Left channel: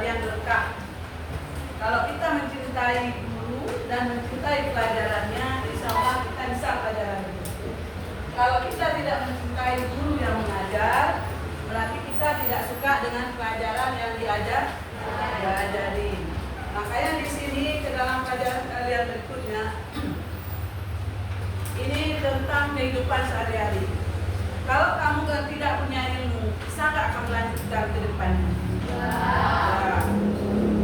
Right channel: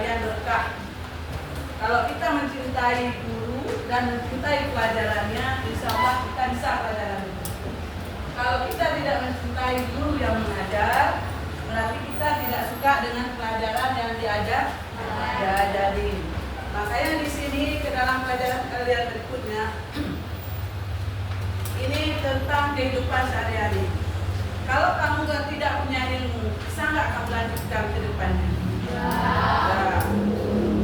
kalian berkah. Kalau kita mencintai guru dan mencintai pelajarannya, insya Allah kita bisa pelajaran itu. Kalau kita tidak mencintai guru yang mengajar, berarti kita tidak suka dengan pelajaran yang diajari. Makanya di sini ke dalam pelajaran kalian berikutnya, ini tentang kehidupan sehari-hari. Kalau kamu tidak punya ilmu, bisa nggak kamu lanjutkan ke depannya? Nah,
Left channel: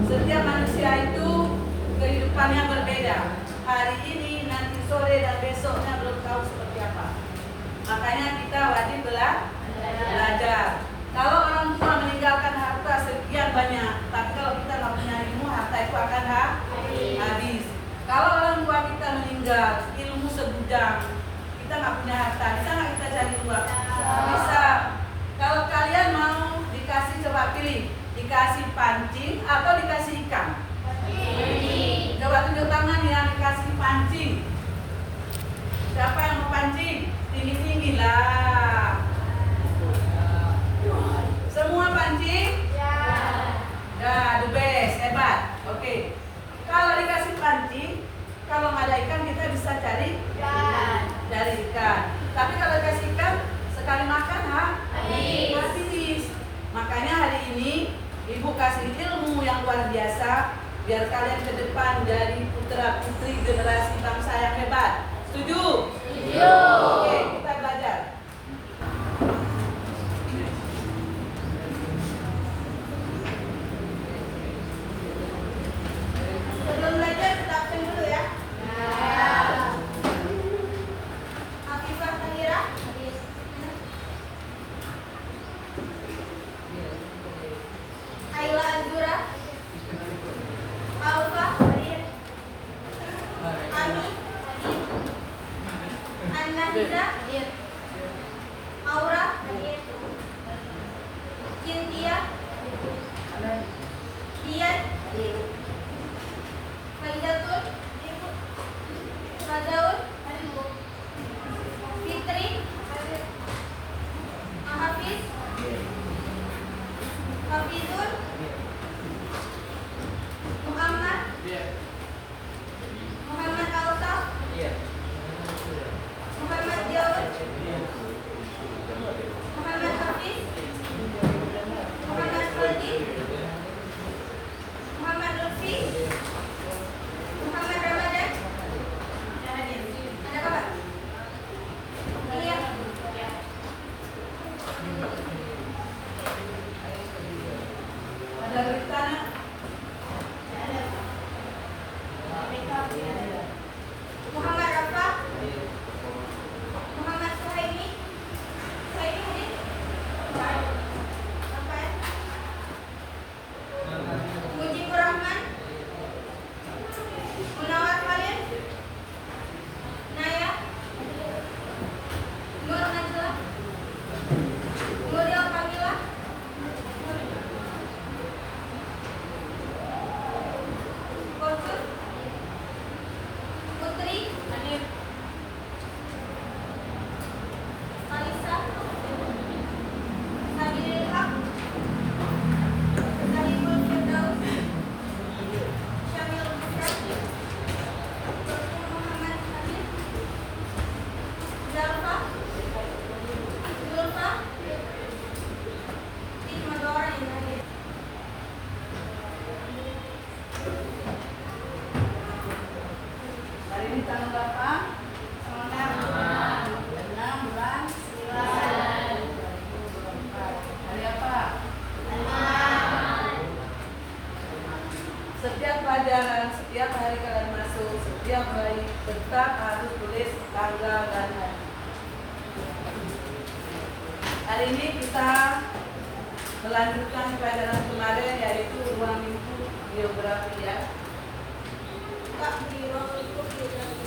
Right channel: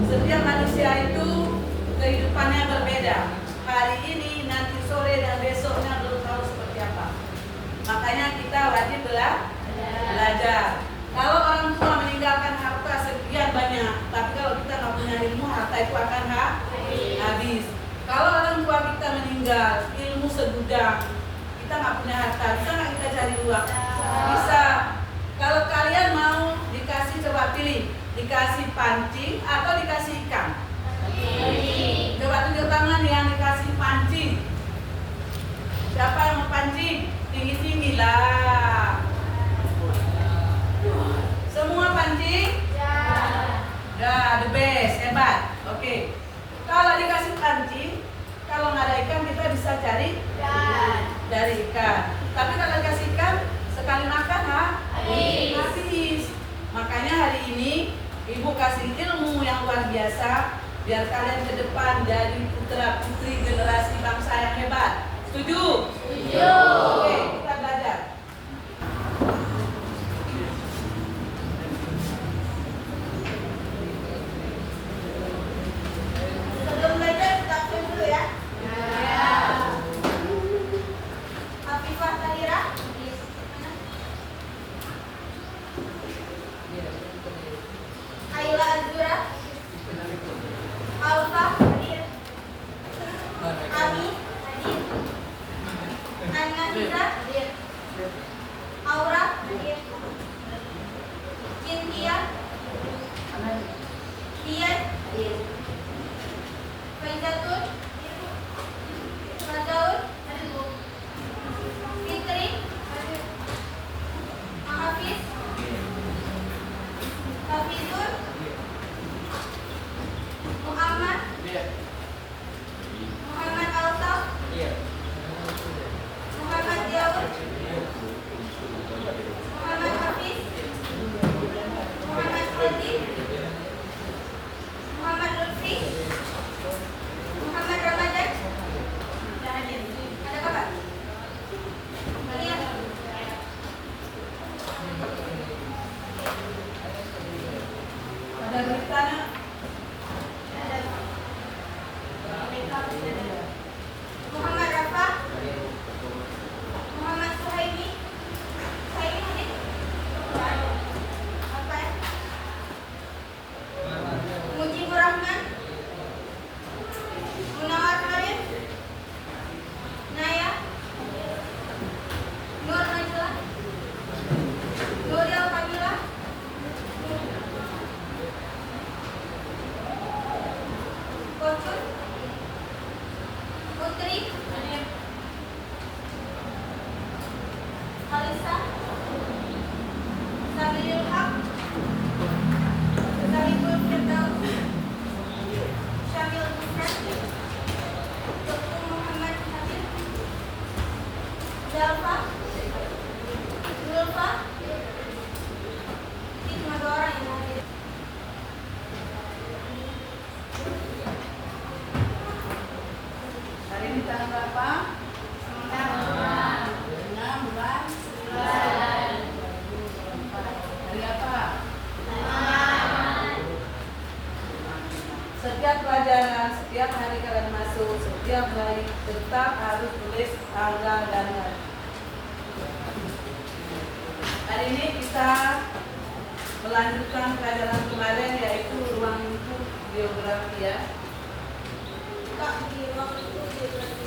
setiap manusia itu kehidupannya berbeda. Hari ini, nanti sore, dan besoknya belum tahu seperti apa. Makanya kita wajib belajar. Kalau orang tua meninggalkan harta sekian banyak, tapi kalau kita nggak punya ilmu, harta itu akan habis. Kalau orang tua kita meninggal, ilmu segudang, kita nggak punya harta, bisa nggak kita cari uang? Bisa. Kalau kalian mau dikasih, coba pilih, dikasih pancing atau dikasih ikan? Coba tunjuk tangan yang dikasih pancing. Siapa yang mau pancing? Tinggi-tinggi lah. Semua pancing? Ya, the best, hebat. Oke. Kalau dikasih pancing, kalau nggak ada ikan kita bisa cari ikan. Tapi kalau dikasih ikan, sekali makan habis. Makanya hari ini Ibu kasih ilmu yang luar biasa biar kalian ke depan jadi putra putri generasi bangsa yang hebat. Setuju? Setuju. Oke, kita belajar. Sebelum belajar kita absen dulu ya. Afifah Tahira. Ayla Azura. Alfa. Ami. Ananda. Aura. Cynthia. Dian. Faizatul. Razaul. Fitri. Hafiz. Hafizul. Muhammad. Muhammad Altaf. Muhammad Daud. Muhammad Hafiz. Muhammad Fadli. Muhammad Lutfi. Muhammad Ramadan. Ada kabar? Iya. Ada beritanya? Muhammad Rafa. Muhammad Suhaimi. Suhaimi hadir? Apa ya? Mujibur Rahman. Munawar Khalil. Naya. Nur Najla. Nuril Fadila. Kotut. Putri. Alisa. Sabilul Haq. Sahibul Firdaus. Syamil Bukan. Dr. Muhammad Habib. Zalfa. Zulfa. Ini cuma 2 orang yang hadir. Hari ini tanggal berapa? 6 bulan 9. Hari apa? Setiap pelajaran, setiap hari kalian masuk, setiap hari tetap harus tulis tanggal dan hari. Hari ini kita melanjutkan pelajaran kemarin, yaitu ruang lingkup geografi ya. Di ruang lingkup geografi.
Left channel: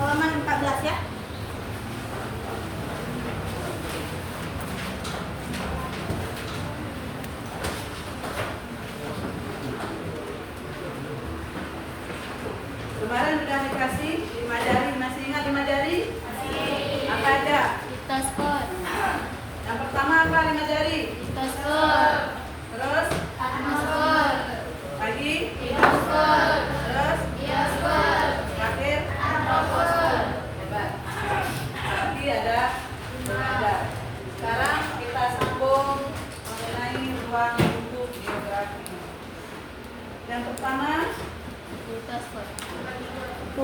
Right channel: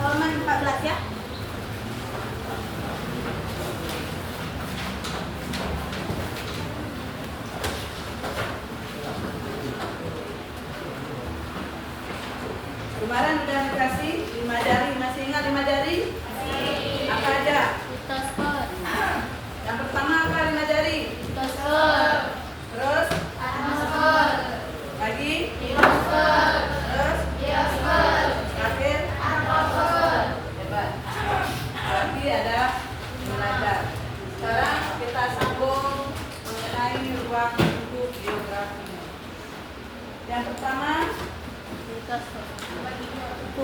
Halaman 14 ya. Kemarin sudah dikasih 5 jari, masih ingat 5 jari? Apa aja? Kita skor.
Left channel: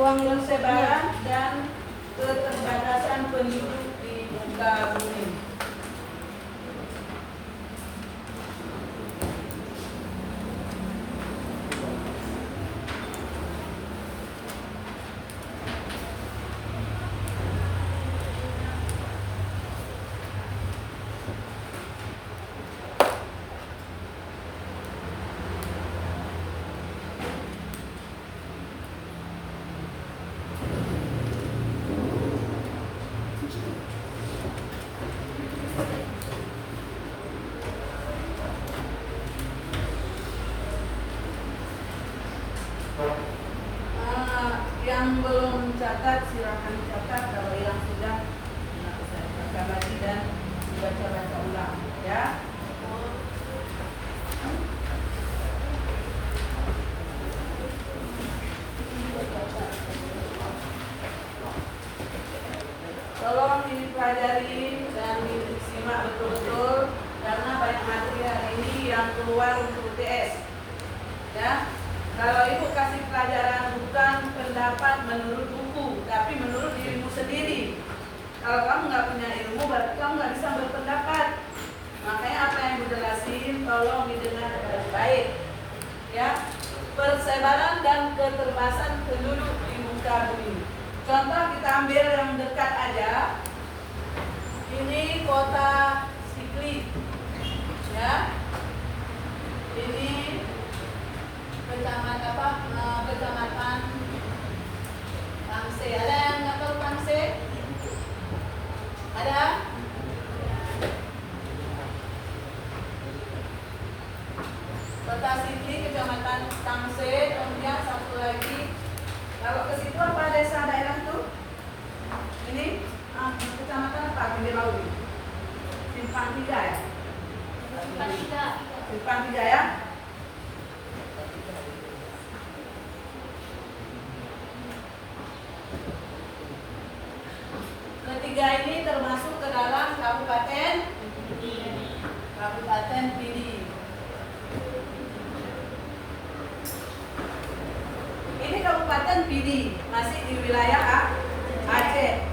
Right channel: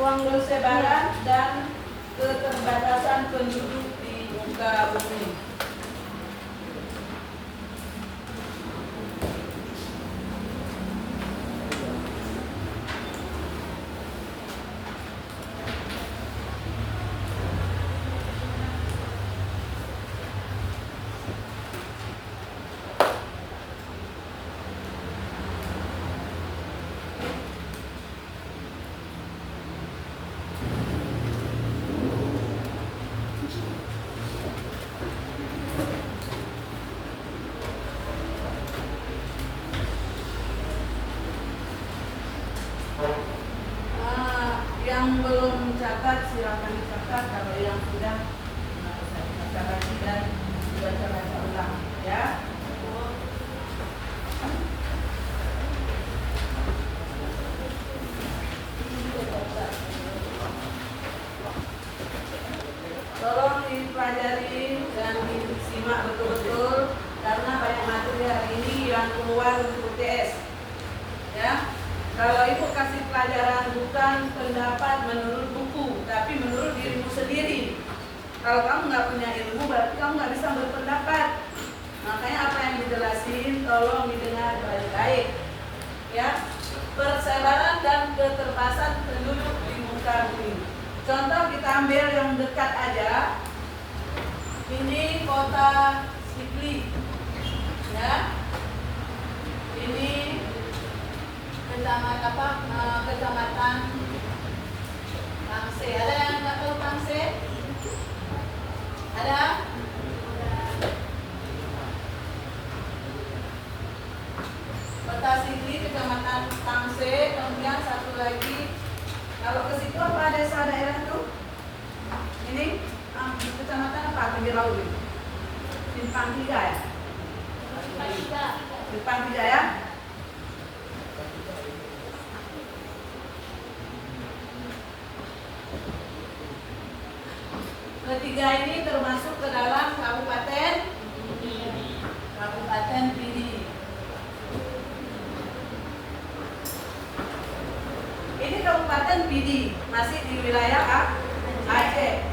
persebaran dan keterbatasan penduduk di muka bumi. Yang belum mencatat silakan dicatat, kalau yang sudah saya baca lagi dan baca ulang ya. Tolong dipelajari dan disimak betul-betul karena banyak materi hari ini yang keluar untuk UTS ya. Kalau ibu kasih pelajaran bukan pendapat menurut buku, tapi menurut dirimu sendiri. Kalau kamu nggak punya ilmu, berarti kamu nggak bisa berpendapat. Makanya apa yang dijelasin, tolong didengar baik-baik. Ya, persebaran dan keterbatasan penduduk di muka bumi. Contoh kita ambil yang dekat aja. Ini kota Sikli, ya. Ini kecamatan Tamse. Ada yang nggak tahu Tamse? Ada? Kota Sikli, kecamatan Tamse. Kemudian satu lagi. Kalau ke situ apa desa daerah itu? Ini kecamatan apa? Pinggir laut. Simpang 3 ya? Simpang 3 ya? Ketiga ini termasuk ke dalam Kabupaten Pidi. Ini Kabupaten Pidi, masih di wilayah Aceh.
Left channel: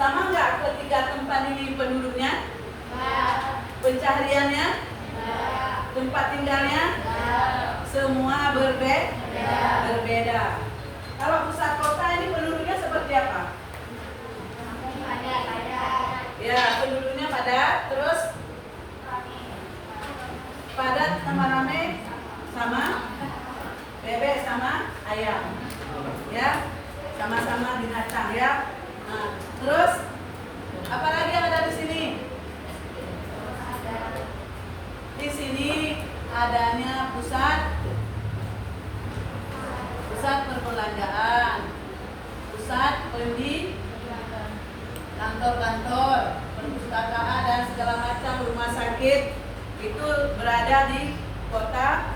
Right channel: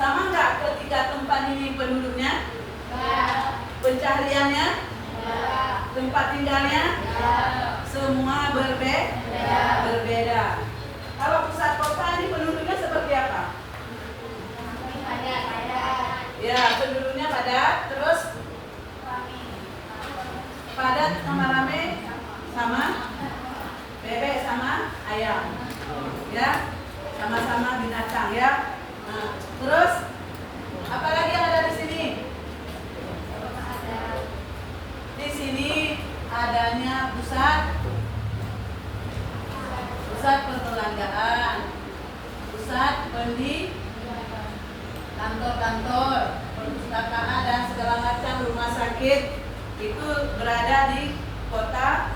Sama nggak ketiga tempat ini penduduknya? Pencahariannya? Tempat tinggalnya? Semua berbeda. Kalau pusat kota ini penduduknya seperti apa? Ya, penduduknya padat, terus padat sama rame sama bebek sama ayam, ya, sama-sama binatang ya. Nah, terus apa lagi yang ada di sini? Di sini adanya pusat perbelanjaan, pusat kantor-kantor, perpustakaan dan segala macam rumah sakit itu berada di kota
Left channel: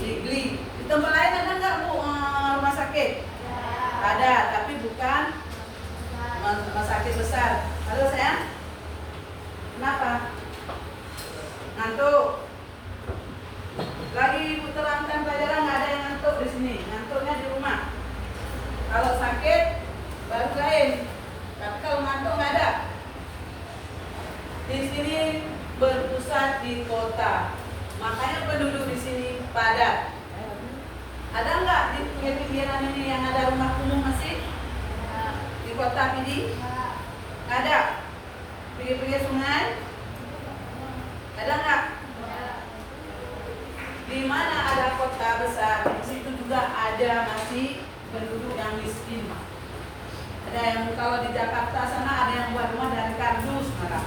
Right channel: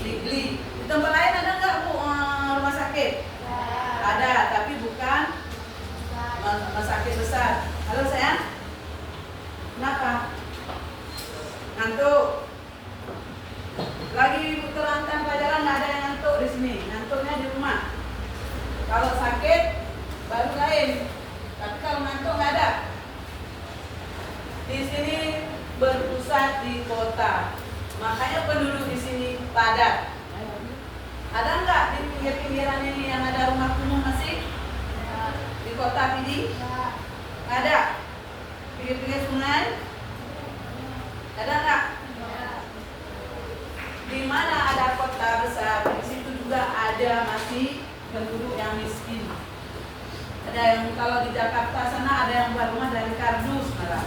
Sikli. Di tempat lain ada nggak Bu rumah sakit? Ada, tapi bukan rumah sakit besar. Halo sayang, kenapa? Ngantuk? Lagi ibu terangkan pelajaran, nggak ada yang ngantuk di sini. Ngantuknya di rumah. Kalau sakit baru lain. Tapi kalau ngantuk nggak ada. Di sini berpusat di kota, makanya penduduk di sini padat. Ada nggak di pinggir-pinggiran ini yang ada rumah kumuh masih? Di kota Pidi? Nggak ada. Pinggir-pinggir sungai? Ada nggak? Di mana ada kota besar, di situ juga ada masih penduduk yang miskin. Ada yang kalau di Jakarta sana ada yang buat rumah dari kardus malah.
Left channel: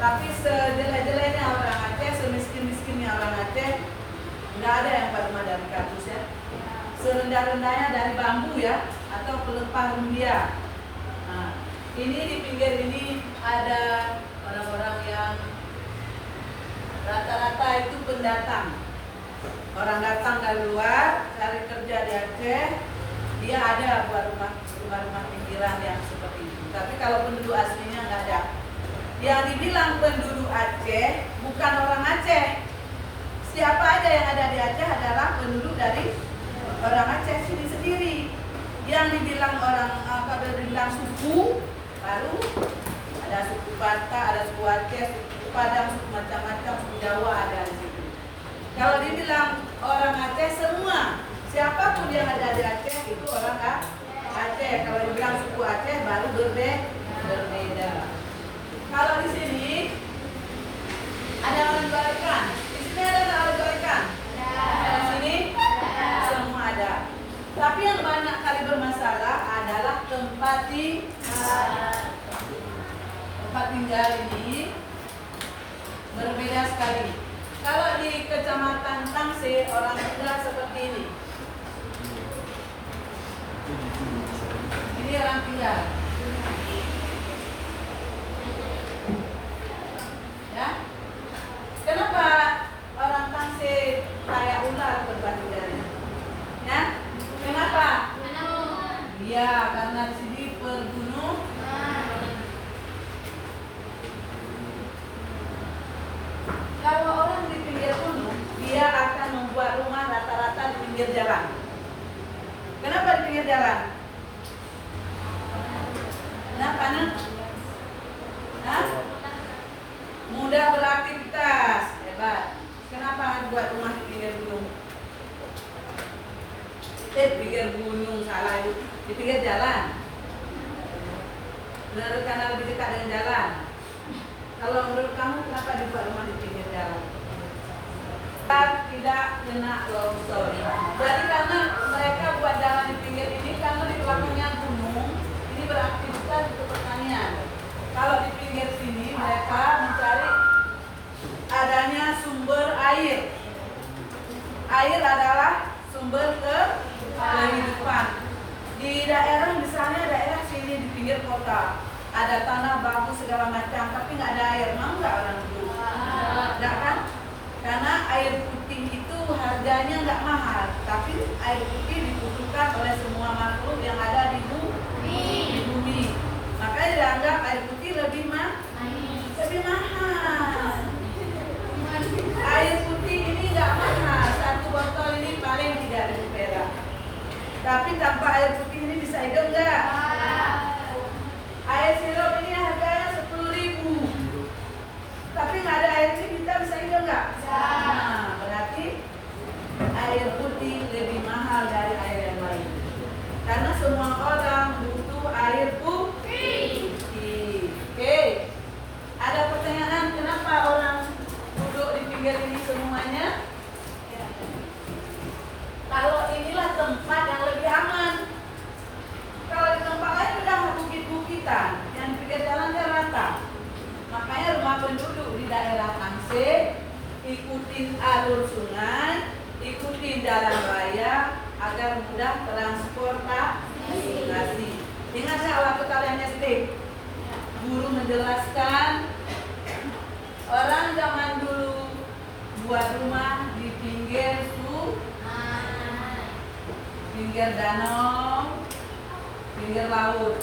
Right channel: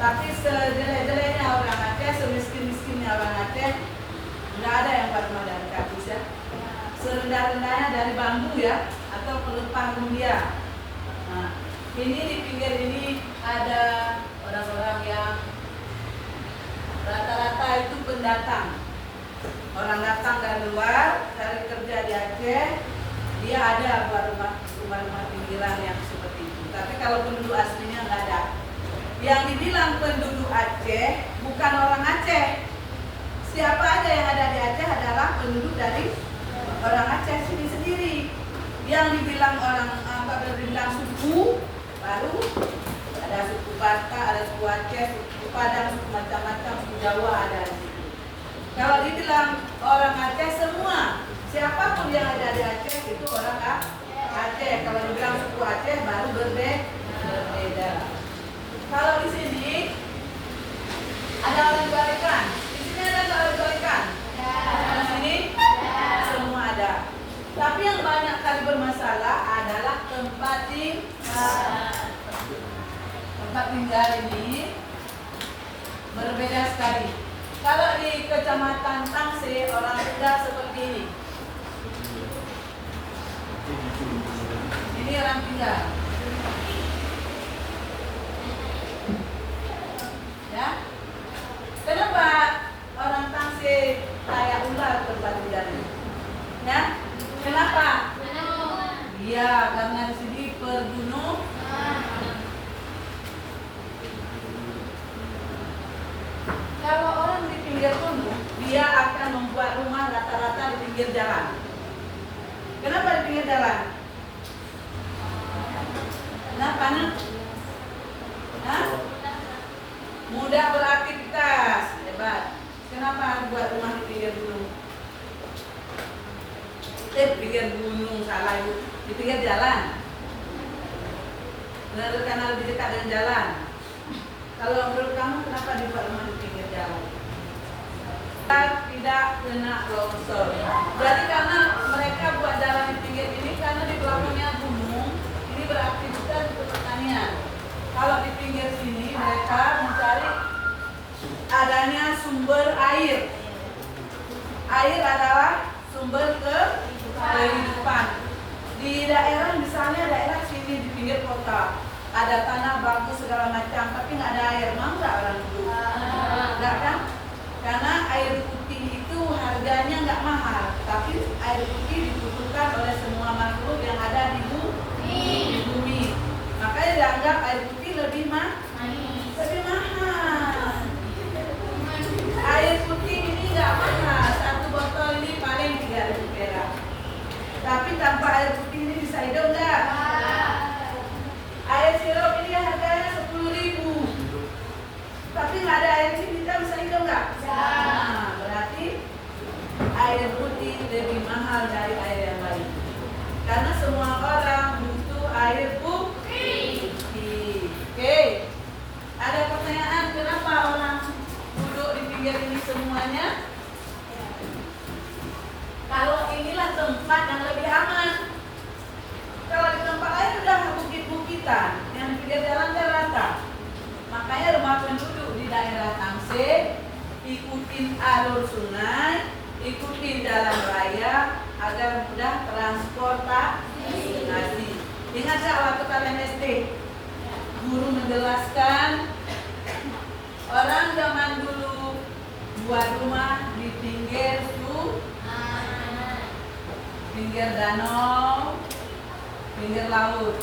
Tapi sejelek-jeleknya orang Aceh, semiskin-miskinnya orang Aceh, nggak ada yang buat rumah dari kardus ya. Serendah-rendahnya dari bambu ya, atau pelepah rumbia. Nah, ini di pinggir ini ada orang-orang yang rata-rata itu pendatang. Orang datang dari luar, cari kerja di Aceh, dia ada buat rumah-rumah pinggiran yang seperti itu. Tapi kalau penduduk aslinya nggak ada. Yang dibilang penduduk Aceh bukan orang Aceh. Siapa aja yang ada di Aceh adalah penduduk dari orang Aceh sini sendiri. Yang dibilang orang dibilang suku, baru ada suku Batak, ada suku Aceh, suku Padang, suku macam-macam, suku Jawa ada di situ. Kalau dibilang orang Aceh semua, siapapun yang ada di Aceh itu orang Aceh. Kalau dibilang suku Aceh baru berbeda. Kalau di sini ada orang Barikan, di sini ada orang Barikan. Di sini semua ada. Tapi yang banyak kali bermasalah adalah tempat tinggal ini berbeda sekali. Kalau di Kecamatan Tangse orang tinggal seperti ini. Ini orang tinggal. Ya. Kenapa orang Tangse kayak ular tempat tinggalnya? Ya. Kenapa? Iya, karena di sini pergunungan. Kalau orang di pinggir gunung, dia akan membuat rumah rata-rata di pinggir jalan. Kenapa di pinggir jalan? Kenapa, Nak? Mudah beraktivitas, hebat. Kenapa harus buat rumah di pinggir gunung? Pinggir gunung, salah Ibu. Di pinggir jalan. Karena lebih dekat dengan jalan. Kalau menurut kamu kenapa dibuat rumah di pinggir jalan? Tidak kena longsor. Jadi karena mereka buat jalan di pinggir ini karena di belakangnya gunung, ini beraktivitas untuk pertanian. Kalau di pinggir sini mereka mencari adanya sumber air. Air adalah sumber kehidupan. Di daerah misalnya daerah sini di pinggir kota ada tanah bagus segala macam, tapi nggak ada air, mau nggak orang dulu? Nggak kan? Karena air putih itu harganya nggak mahal, tapi air putih dibutuhkan oleh semua makhluk yang ada di bumi. Makanya dianggap air putih lebih mahal. Air putih ini nggak mahal, satu botol ini paling 3.000 perak. Tapi tanpa air putih ini bisa hidup nggak? Air sirup ini harganya 10.000. Tapi nggak ada air ini kita bisa hidup nggak? Nah, berarti air putih lebih mahal dari air yang lain. Karena semua orang butuh air putih. Oke. Ada pertanyaan kenapa orang duduk di pinggir ini semuanya? Kalau inilah tempat yang lebih aman. Kalau di tempat lain udah bukit-bukitan, yang di pinggir jalan rata. Makanya rumah penduduk di daerah Tangse ikutin alur sungai, ikutin jalan raya agar mudah transportasi. Ingat saya waktu kalian SD, guru menjelaskan orang zaman dulu buat rumah di pinggir danau, pinggir laut.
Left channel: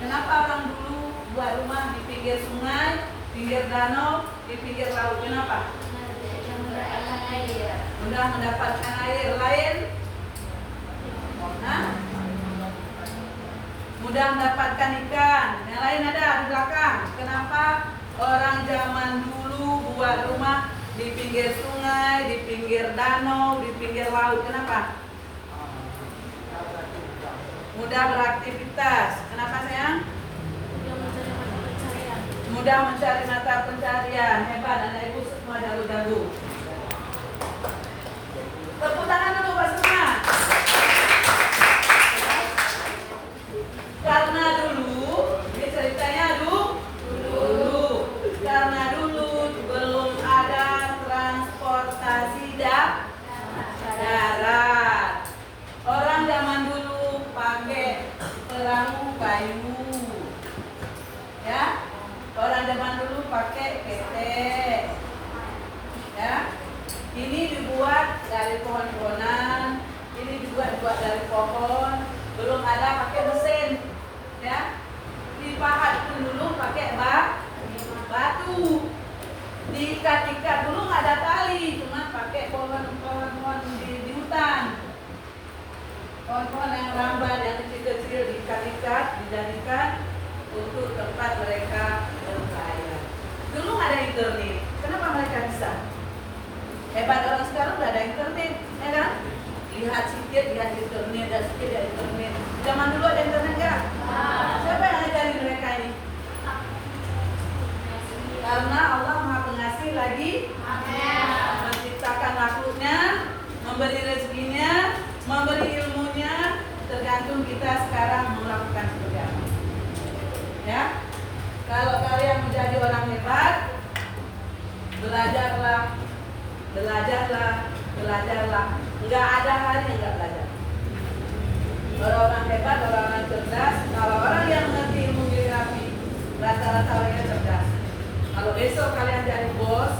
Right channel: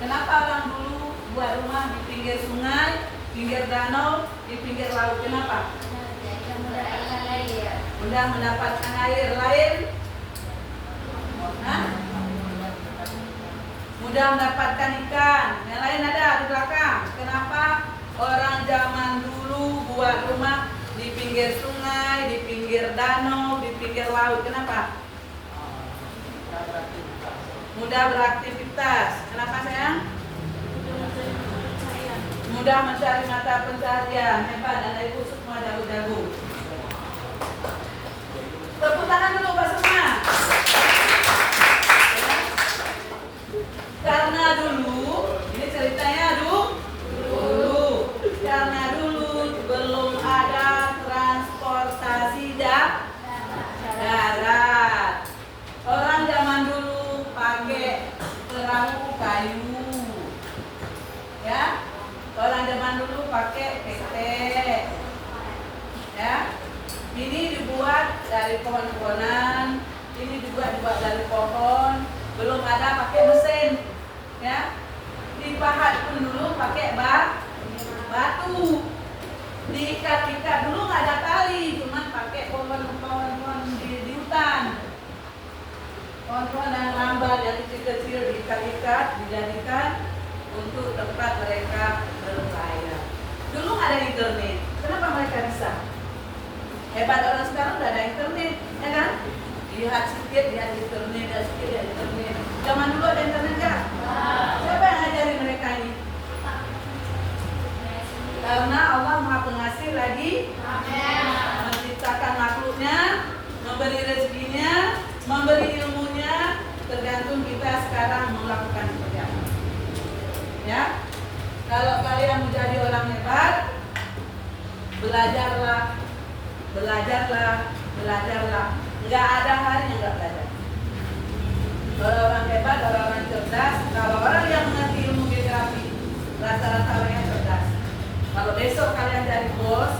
Kenapa orang dulu buat rumah di pinggir sungai, pinggir danau, di pinggir laut? Kenapa? Mudah mendapatkan air. Lain? Mudah mendapatkan ikan. Yang lain ada di belakang. Kenapa orang zaman dulu buat rumah di pinggir sungai, di pinggir danau, di pinggir laut? Kenapa? Mudah beraktivitas. Kenapa sayang? Mudah mencari mata pencarian. Hebat, anak ibu semua jago-jago. Tepuk tangan dulu Pak semua. Karena dulu, ini ceritanya dulu. Karena dulu belum ada transportasi darat. Orang zaman dulu pakai perahu kayu, ya. Orang zaman dulu pakai ketek, ya. Ini dibuat dari pohon-pohonan, ini dibuat dari pohon. Belum ada pakai mesin, ya. Dipahat pun dulu pakai batu. Diikat-ikat dulu nggak ada tali, cuma pakai pohon-pohon di hutan. Pohon-pohon yang lambat lagi? Amin. Menciptakan makhluknya, memberi rezekinya, memberi ilmunya, tergantung kita sekarang melakukan seperti apa. Ya, kalau kalian menjadi orang hebat, belajarlah, nggak ada hari yang nggak belajar. Kalau orang hebat, orang yang cerdas, kalau orang yang mengerti ilmu geografi, rata-rata orangnya cerdas. Kalau besok kalian dari bos,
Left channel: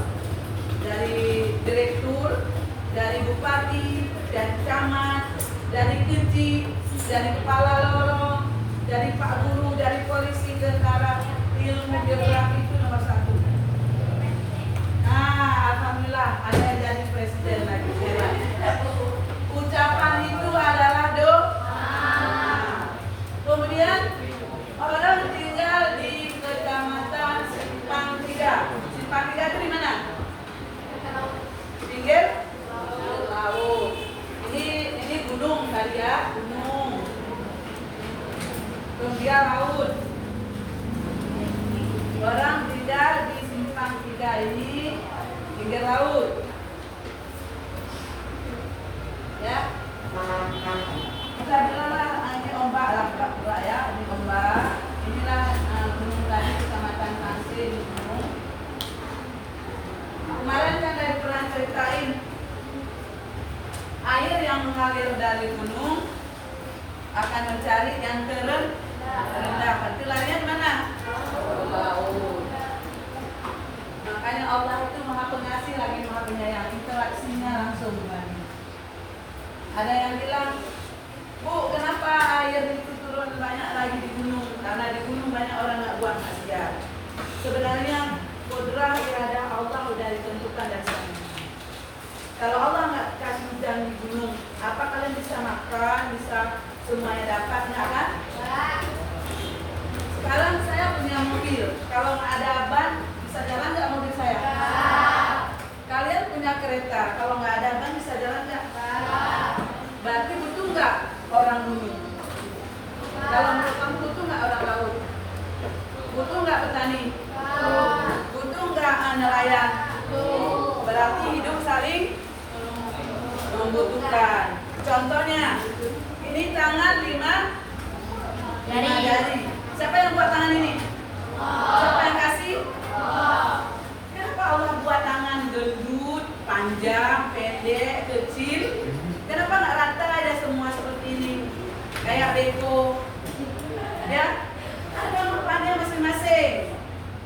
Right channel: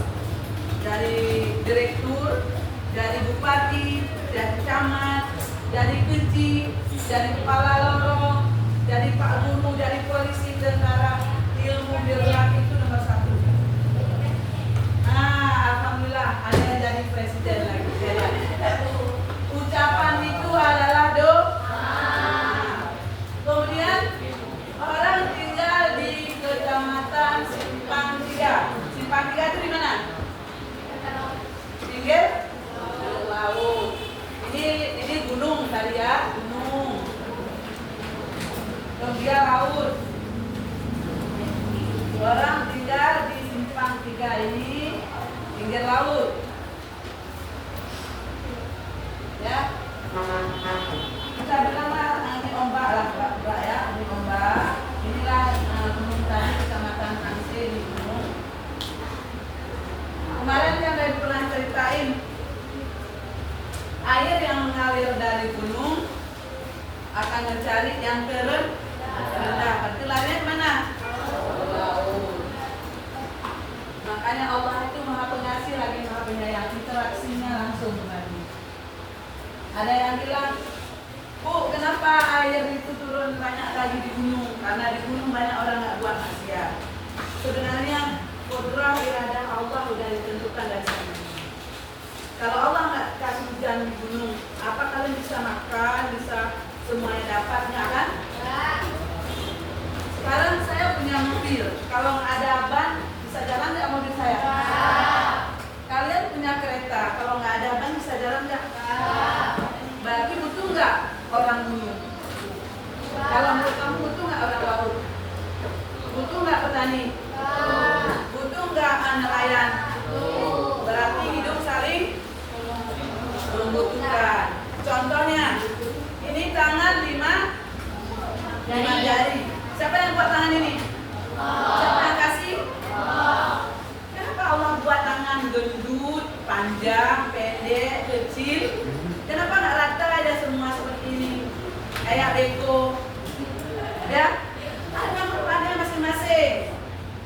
dari direktur, dari bupati, dari camat, dari keji, dari kepala lorong, dari pak guru, dari polisi, tentara, ilmu geografi itu nomor 1. Alhamdulillah ada yang jadi presiden lagi. Ucapan itu adalah doa. Kemudian orang tinggal di kecamatan Simpang 3. Simpang 3 itu di mana? Pinggir laut. Ini gunung kali ya, gunung. Kemudian laut. Orang tinggal di Simpang 3 ini pinggir laut. Ya. Kita bilang ini ombak lah, ya, ini ombak. Inilah gunung tadi kecamatan Angse di gunung. Kemarin kan dari pernah ceritain air yang mengalir dari gunung akan mencari yang terendah. Berarti larinya kemana? Laut. Makanya Allah itu maha pengasih lagi maha penyayang. Interaksinya langsung lagi. Ada yang bilang, Bu, kenapa air itu turun banyak lagi di gunung? Karena di gunung banyak orang nggak buat maksiat. Sebenarnya kodrah iradah Allah udah ditentukan dari sana. Kalau Allah nggak kasih hujan di gunung, apa kalian bisa makan, bisa semuanya dapat, nggak kan? Sekarang saya punya mobil, kalau nggak ada ban, bisa jalan nggak mobil saya? Kalian punya kereta, kalau nggak ada ban, bisa jalan nggak? Berarti butuh nggak orang gunung? Kalau menurut kamu butuh nggak orang laut? Butuh nggak petani? Butuh nggak nelayan? Berarti hidup saling membutuhkan. Contohnya, ini tangan 5 jari. Siapa yang buat tangan ini? Siapa yang kasih? Kenapa Allah buat tangan gendut, panjang, pendek, kecil? Kenapa nggak rata aja semua seperti ini? Kayak beko, ya? Ada perannya masing-masing.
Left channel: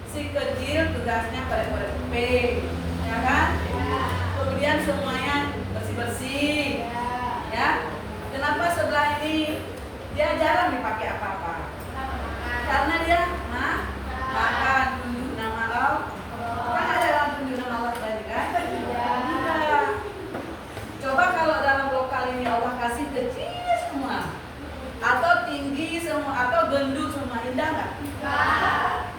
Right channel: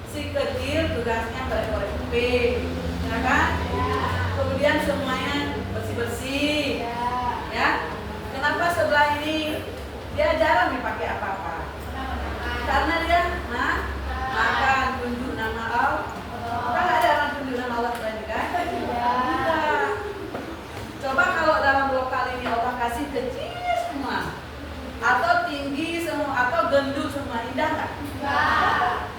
Si kecil tugasnya korek-korek kuping, ya kan? Kemudian semuanya bersih-bersih, ya. Kenapa sebelah ini dia jarang dipakai apa-apa? Karena dia makan, tunjuk nama Allah. Kan ada orang tunjuk nama Allah tadi kan? Tidak. Coba kalau dalam lokal ini Allah kasih kecil semua, atau tinggi semua, atau gendut semua, indah nggak?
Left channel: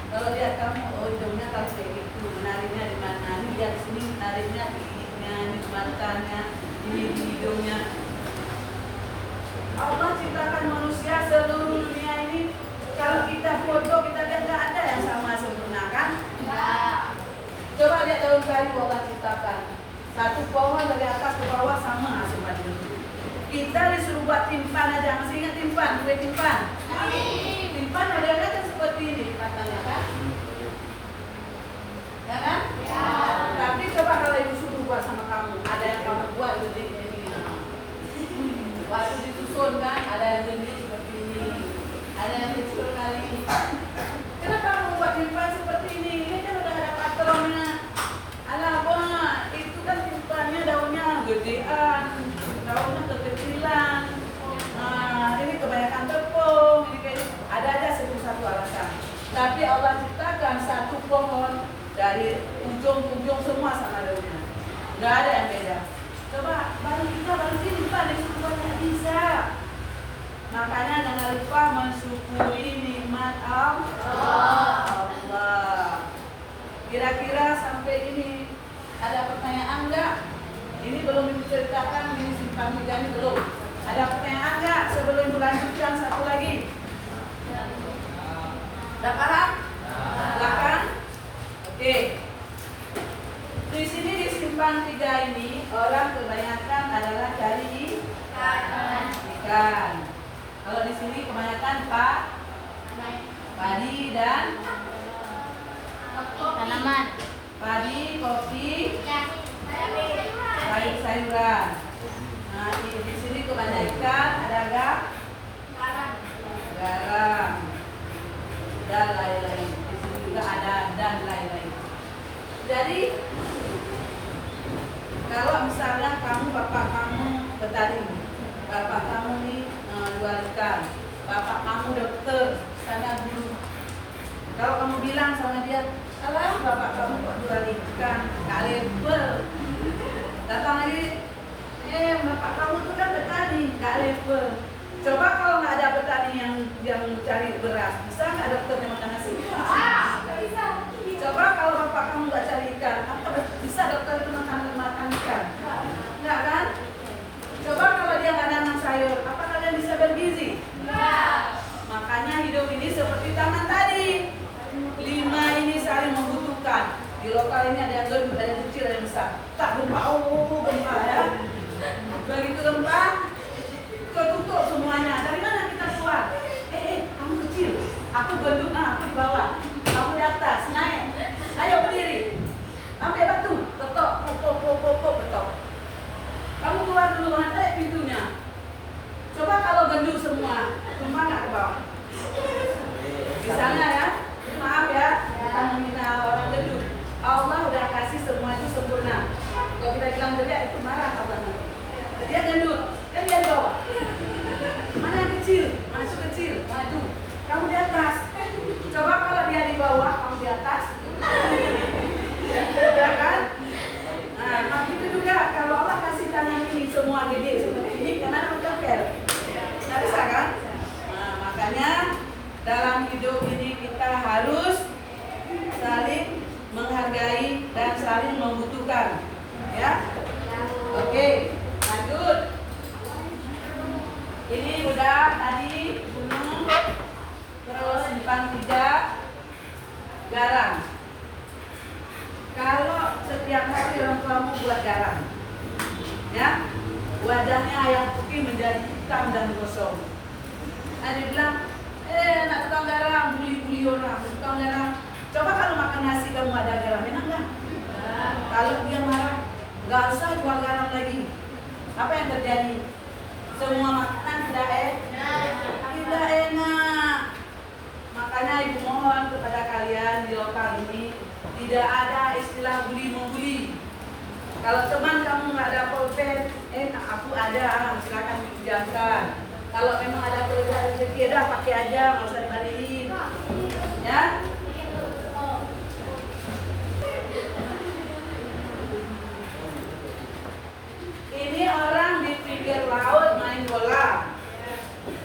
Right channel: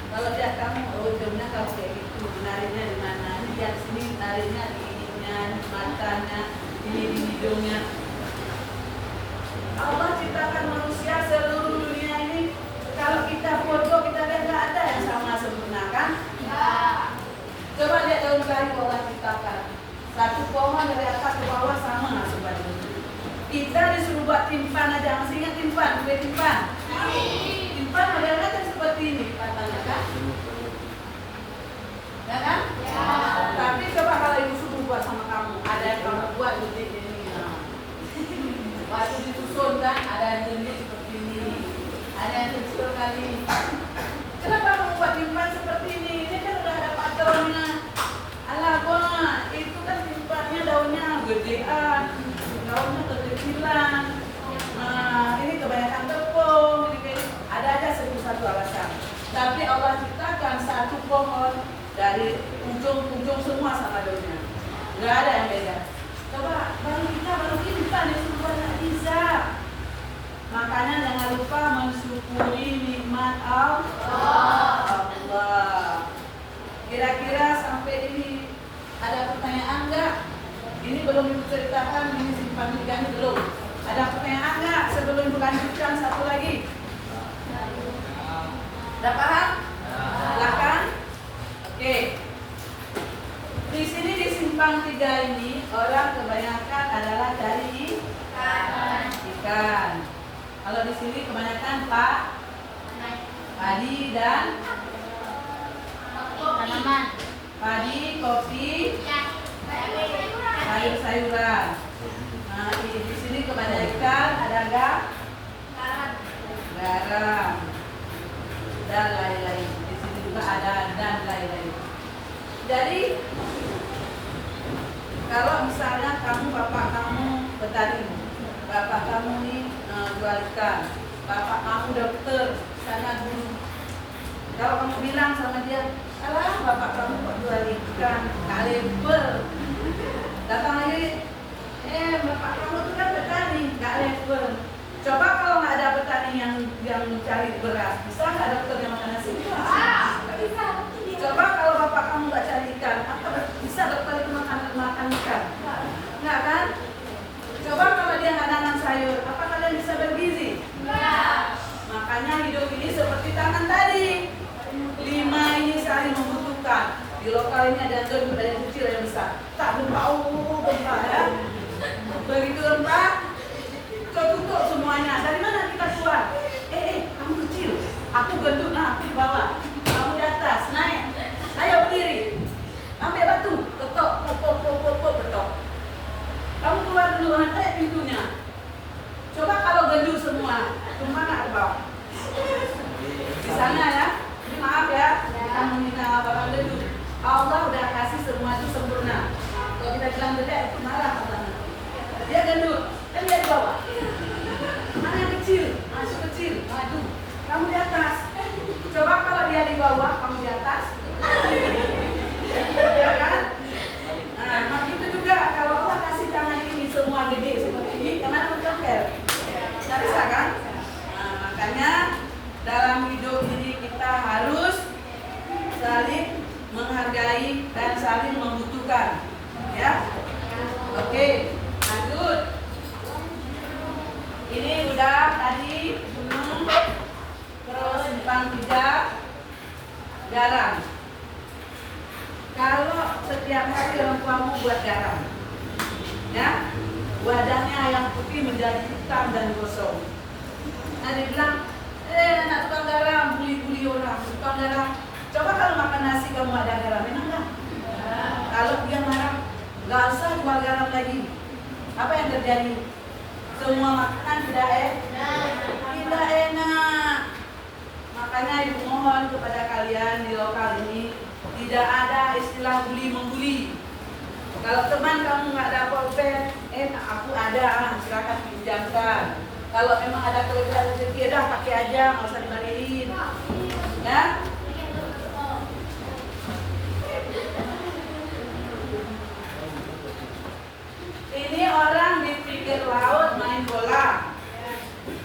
Kalau lihat kamu, ujungnya kamu kayak gitu, menariknya di mana? Lihat sini, nariknya di giginya, di matanya, di hidungnya. Allah ciptakan manusia seluruh dunia ini. Kalau kita foto, kita lihat nggak ada yang sama sempurna kan? Coba lihat daun kayu Allah ciptakan. Satu pohon dari atas ke bawah sama sebenarnya. Kita disuruh buat timpan aja, masih ingat timpan? Kue timpan? Timpan modelnya kan seperti ini, patahnya kan? Ya kan? Ya. Tapi coba kalau ibu suruh buat sama kamu, ada yang kamu buat gede ini. Waktu disusun kan, ada yang gede seperti ini, ada yang kecil kali. Kenapa kamu buat timpan seperti ini? Ini kan udah ada patronnya. Alah, Bang, itu kan timpannya daunnya gedean, daunnya kekecilan. Nah, ini kebanyakan tepung, ini kayak ada aja satu alasan. Tapi Allah ciptakan satu pohon dari ujung-ujung semua sama daunnya. Nggak ada yang beda. Coba baru kita baru timpan itu juga nggak bisa. Makanya jangan lupa mensyukuri nikmat Allah. Kira-kira sampai ini ada pertanyaan nggak? Ini belum diceritakan, ini simpan tiga ini belum. Ada pertanyaan nggak sebelum melanjutkan satu lagi? Udah paham? Silakan. Oke. Di sini di simpang 3 ini orang kebanyakan adalah cari ikan. Kalau di sini kebanyakan padi dan tanaman, padi, kopi, sayur-sayuran. Nah, di sini kebanyakan ada garam dan lain-lain. Di sini juga ada dan lain-lain. Jadi kalau misalnya bapak kamu petani, bapak kamu nih jual ikan, bapak kamu dokter, sana guru. Kalau kamu bilang sama dia, alah bapak kamu kok jual ikan, gak level. Datang lagi, bapak kamu tuh kan petani, gak level. Coba kalau nggak ada petani yang cari beras, bisa nggak dokternya makan nasi? bisa. Coba kalau bapak kamu nggak cari ikan, apa bisa dokternya makan ikan? Nggak kan? Coba kalau dia nggak nanam sayur, apa kalian bisa bergizi? Makanya hidup ini seperti tangan tadi. 5 ini saling membutuhkan. Di lokal ini ada yang gede, ada yang kecil, ada yang besar. Tak gempa, gempa ya. Begitu gempa, ketutup semuanya. Dari mana kita keluar? Kamu kecil, aku gendut, aku di bawah, kamu di atas, naik. Ayo berdiri, ambil batu, ketok, pok, ketok. Kamu keluar dulu, nanti pintunya. Coba kalau gendut semua, cuma nggak ke bawah. Misalnya ya, maaf ya, kita meminta orang gendut. Allah udah kasih semua itu sempurna. Kalau kita bilang jelek itu marah Allahnya. Dia gendut, kan dia di bawah. Mana yang kecil? Masuk kecil. Waduh, kamu di atas. Coba kalau dia di bawah, kamu di atas. Ya kan? Nah, itu juga kalau Allah kasih tangan ini semua gede seperti ini, yang mana mencokel? Nggak bisa kan? Nah, makanya dalam hidup ini kita harus saling menghargai dan saling membutuhkan. Ya? Oke, lanjut. Ini udah tadi gunung, terus simpang 3 garam. Kalau setiap hari orang tuamu buat garam, ya, wadahnya yang putih menjadi hitam dan gosong. Nah, dia bilang, nak tukang garam, buli-buli orang, tukang garam. Coba kalau makan nasi kamu ada garam, enak nggak? Kalau dia marah, nggak usah jual garam lagi. Apa yang terjadi? Semua makanan tidak enak. Makanya ibu mohon kepada kalian di lokal ini tidak ada istilah bully-membuli. Kalau teman kamu nggak ada pulpen, aku ada, silakan pinjamkan. Kalau memang ada kelebihan rezeki, dah pakai aja, nggak usah dibalikin. Ya? Ini orang di pinggir laut main bola.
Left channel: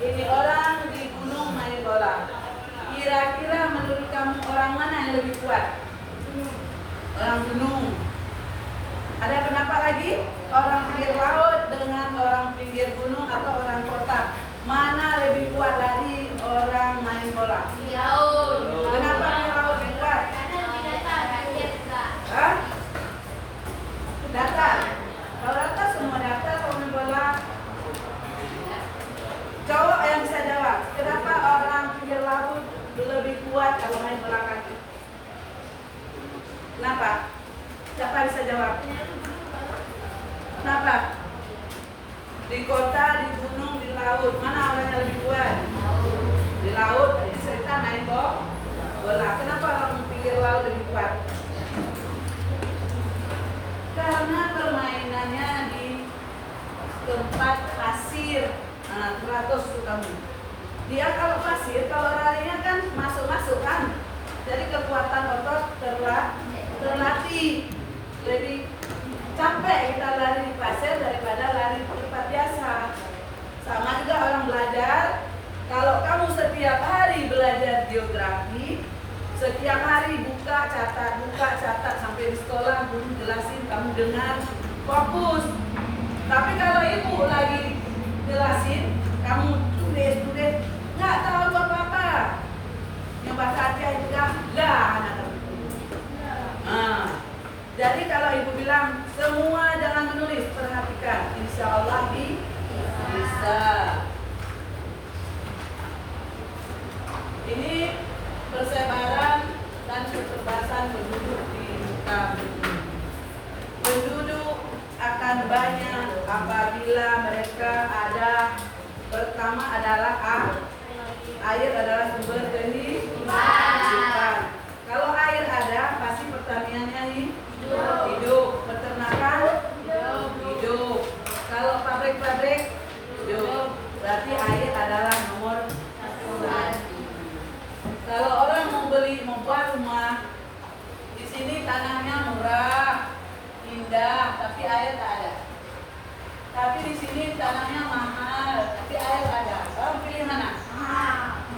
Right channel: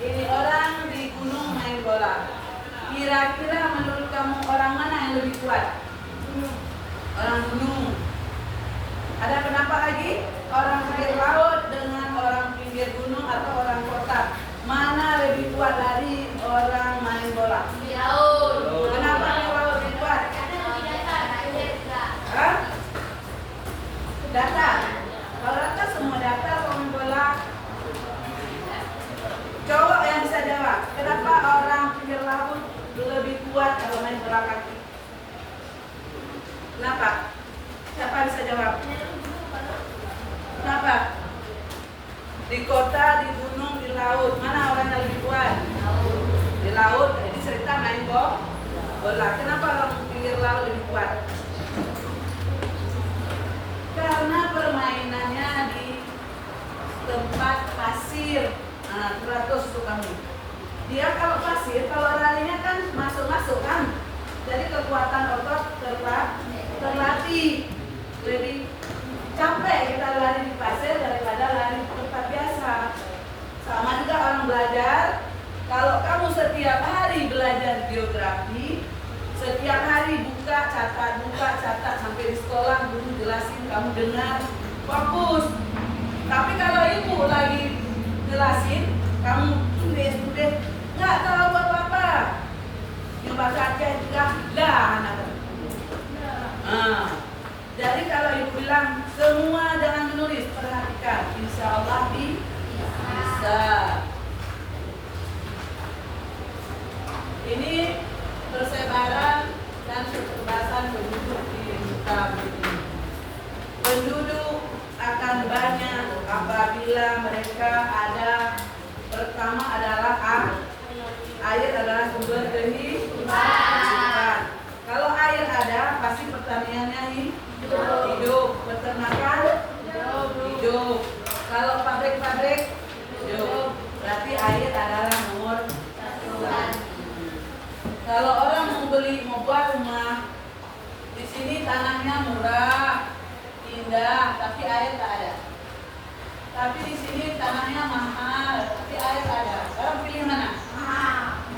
Ini orang di gunung main bola. Kira-kira menurut kamu orang mana yang lebih kuat? Orang gunung. Ada pendapat lagi? Orang pinggir laut dengan orang pinggir gunung atau orang kota? Mana lebih kuat dari orang main bola? Di laut. Kenapa di laut lebih kuat? Hah? Data. Kalau data semua data orang bola. Cowok yang bisa jawab. Kenapa orang pinggir laut lebih kuat kalau main bola kaki? Kenapa? Siapa bisa jawab? Kenapa? Di kota, di gunung, di laut, mana orang yang lebih kuat? Di laut, jadi cerita main bola. Kenapa orang pinggir laut lebih kuat? Karena permainannya di tempat pasir. Nah, teratus tuh kamu. Dia kalau pasir, kalau larinya kan masuk kan. Jadi kekuatan otot terlatih. Lebih capek kita lari di pasir daripada lari di tempat biasa. Sama juga orang belajar. Kalau kamu setiap hari belajar geografi, setiap hari buka catat sampai di sekolah guru jelasin, kamu dengar, fokus. Tapi kalau ibu lagi jelasin, kamu tulis, nggak tahu apa-apa. Yang bahasa Aceh juga lah anak. Jadi kalau ibu bilang semua jangan menulis, perhatikan, insya Allah bisa. Ini persebaran dan keterbatasan penduduk di muka bumi. Penduduk akan banyak apabila mereka ada. Pertama adalah air adalah sumber kehidupan. Kalau air ada, pasti pertaniannya hidup, peternakan hidup. Kalau pabrik-pabrik hidup, berarti air adalah nomor satu. Kalau orang mau buat rumah, di sini tanahnya murah, indah, tapi air tak ada. Tapi di sini tanahnya mahal, tapi air ada. Orang pilih mana?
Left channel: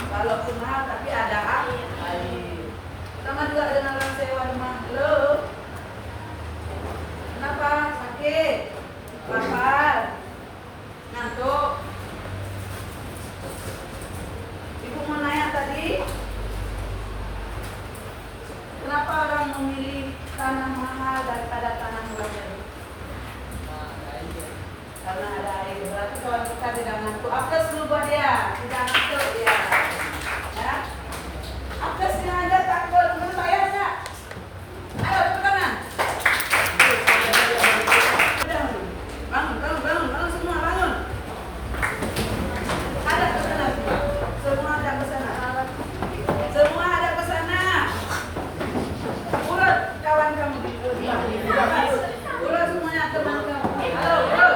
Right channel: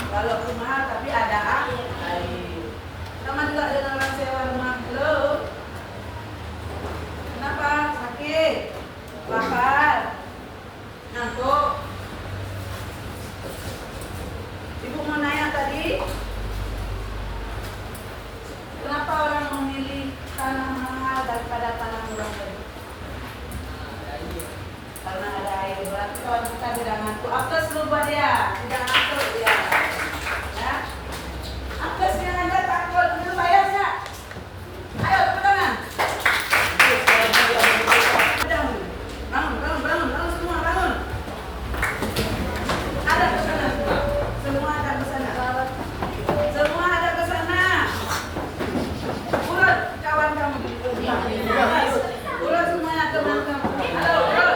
Walaupun mahal, tapi ada air. Sama juga dengan orang sewa rumah. Halo, kenapa? Sakit? Lapar? Ngantuk? Ibu mau nanya tadi, kenapa orang memilih tanah mahal daripada tanah murah? Karena ada air. Berarti kawan kita tidak ngantuk. Apes dulu buat dia, tidak ngantuk dia. Ya? Apes yang ada takut, benar bayar nggak? Ayo pegangan. Bangun semua, bangun. Ada pesanan semua. Semua ada pesanan. Semua ada pesanan. Urut kawan kamu. Urut semuanya teman kamu. Halo, urut.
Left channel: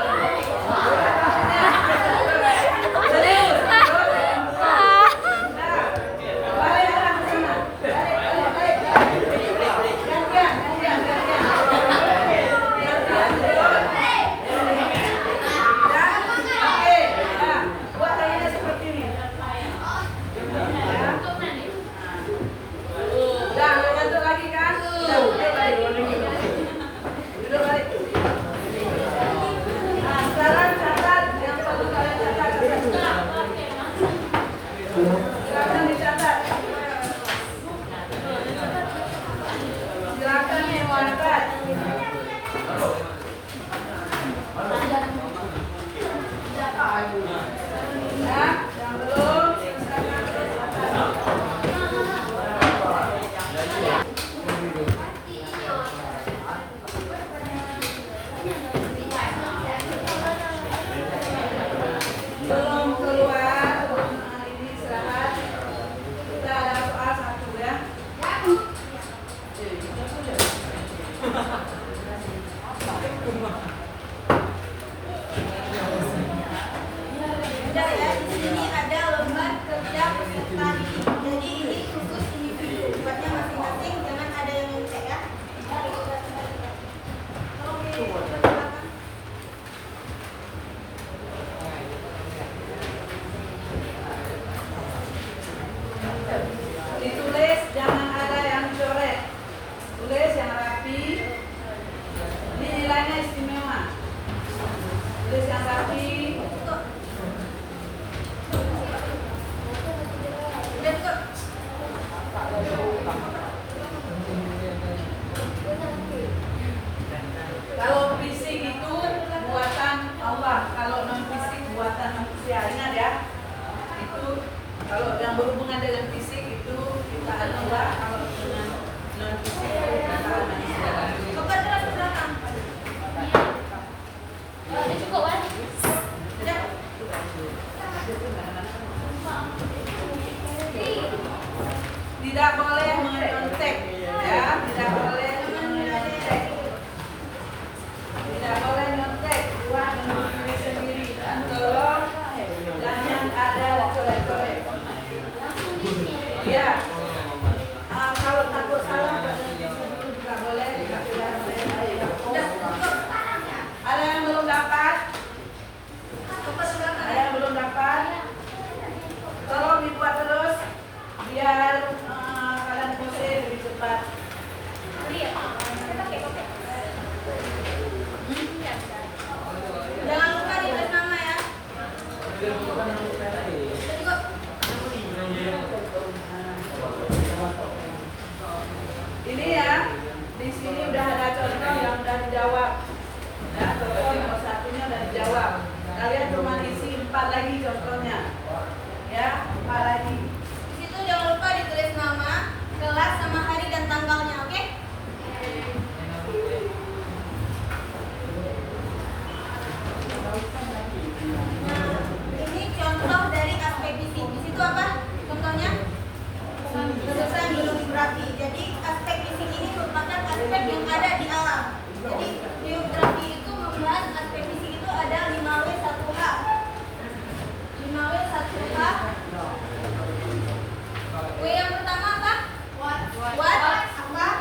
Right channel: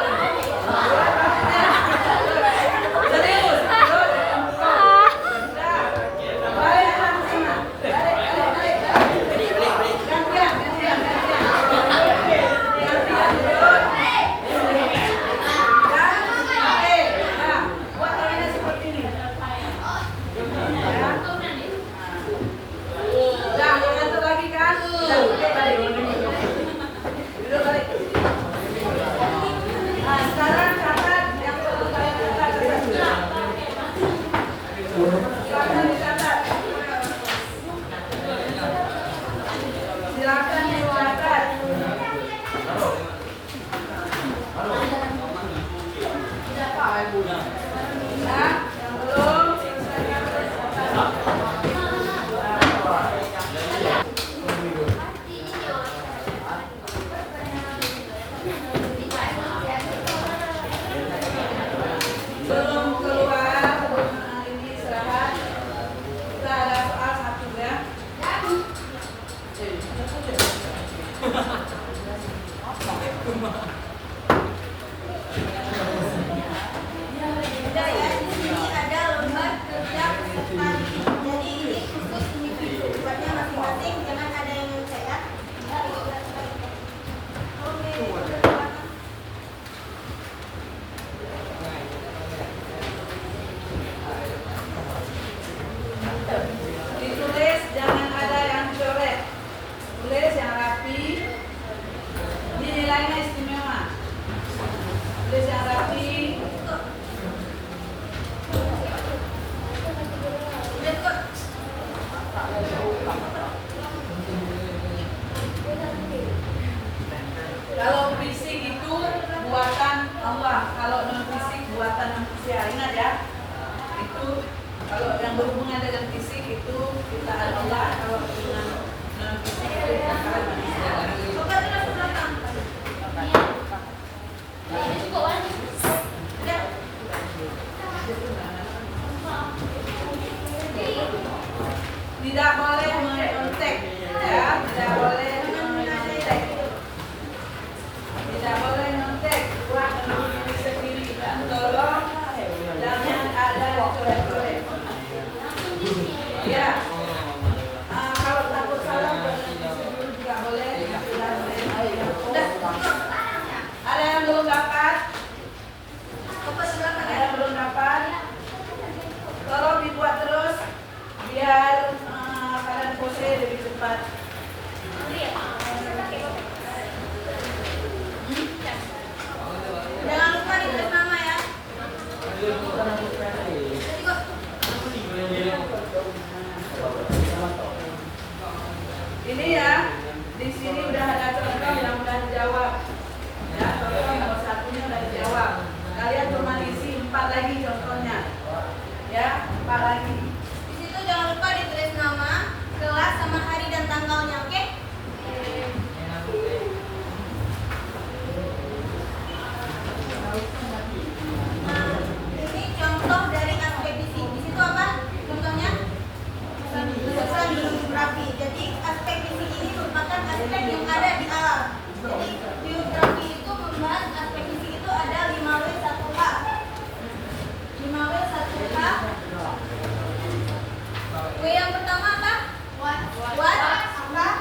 Silakan dibuatkan. Ya, yang belum. Belum keluar, sebelum hari ini istirahat. Kita ada soal satu ya. dijawab. Ya, contoh nomor satunya udah dijawab. Kalian cuma isi 4 lagi contohnya. Ya, 4 lagi. Di situ jangan lupa ditulis nama, kelas, sama hari dan tanggalnya, oke? Nah, ini contoh dari aspek fisik. Di situ apa? Contohnya? Kesusahan geografi. Jadi aspek fisik ini merupakan aspek yang ada di alam. Jadi geografi itu membahas aspek fisik itu ada 5W1H. 5W1H. W yang pertama apa? What? Apa?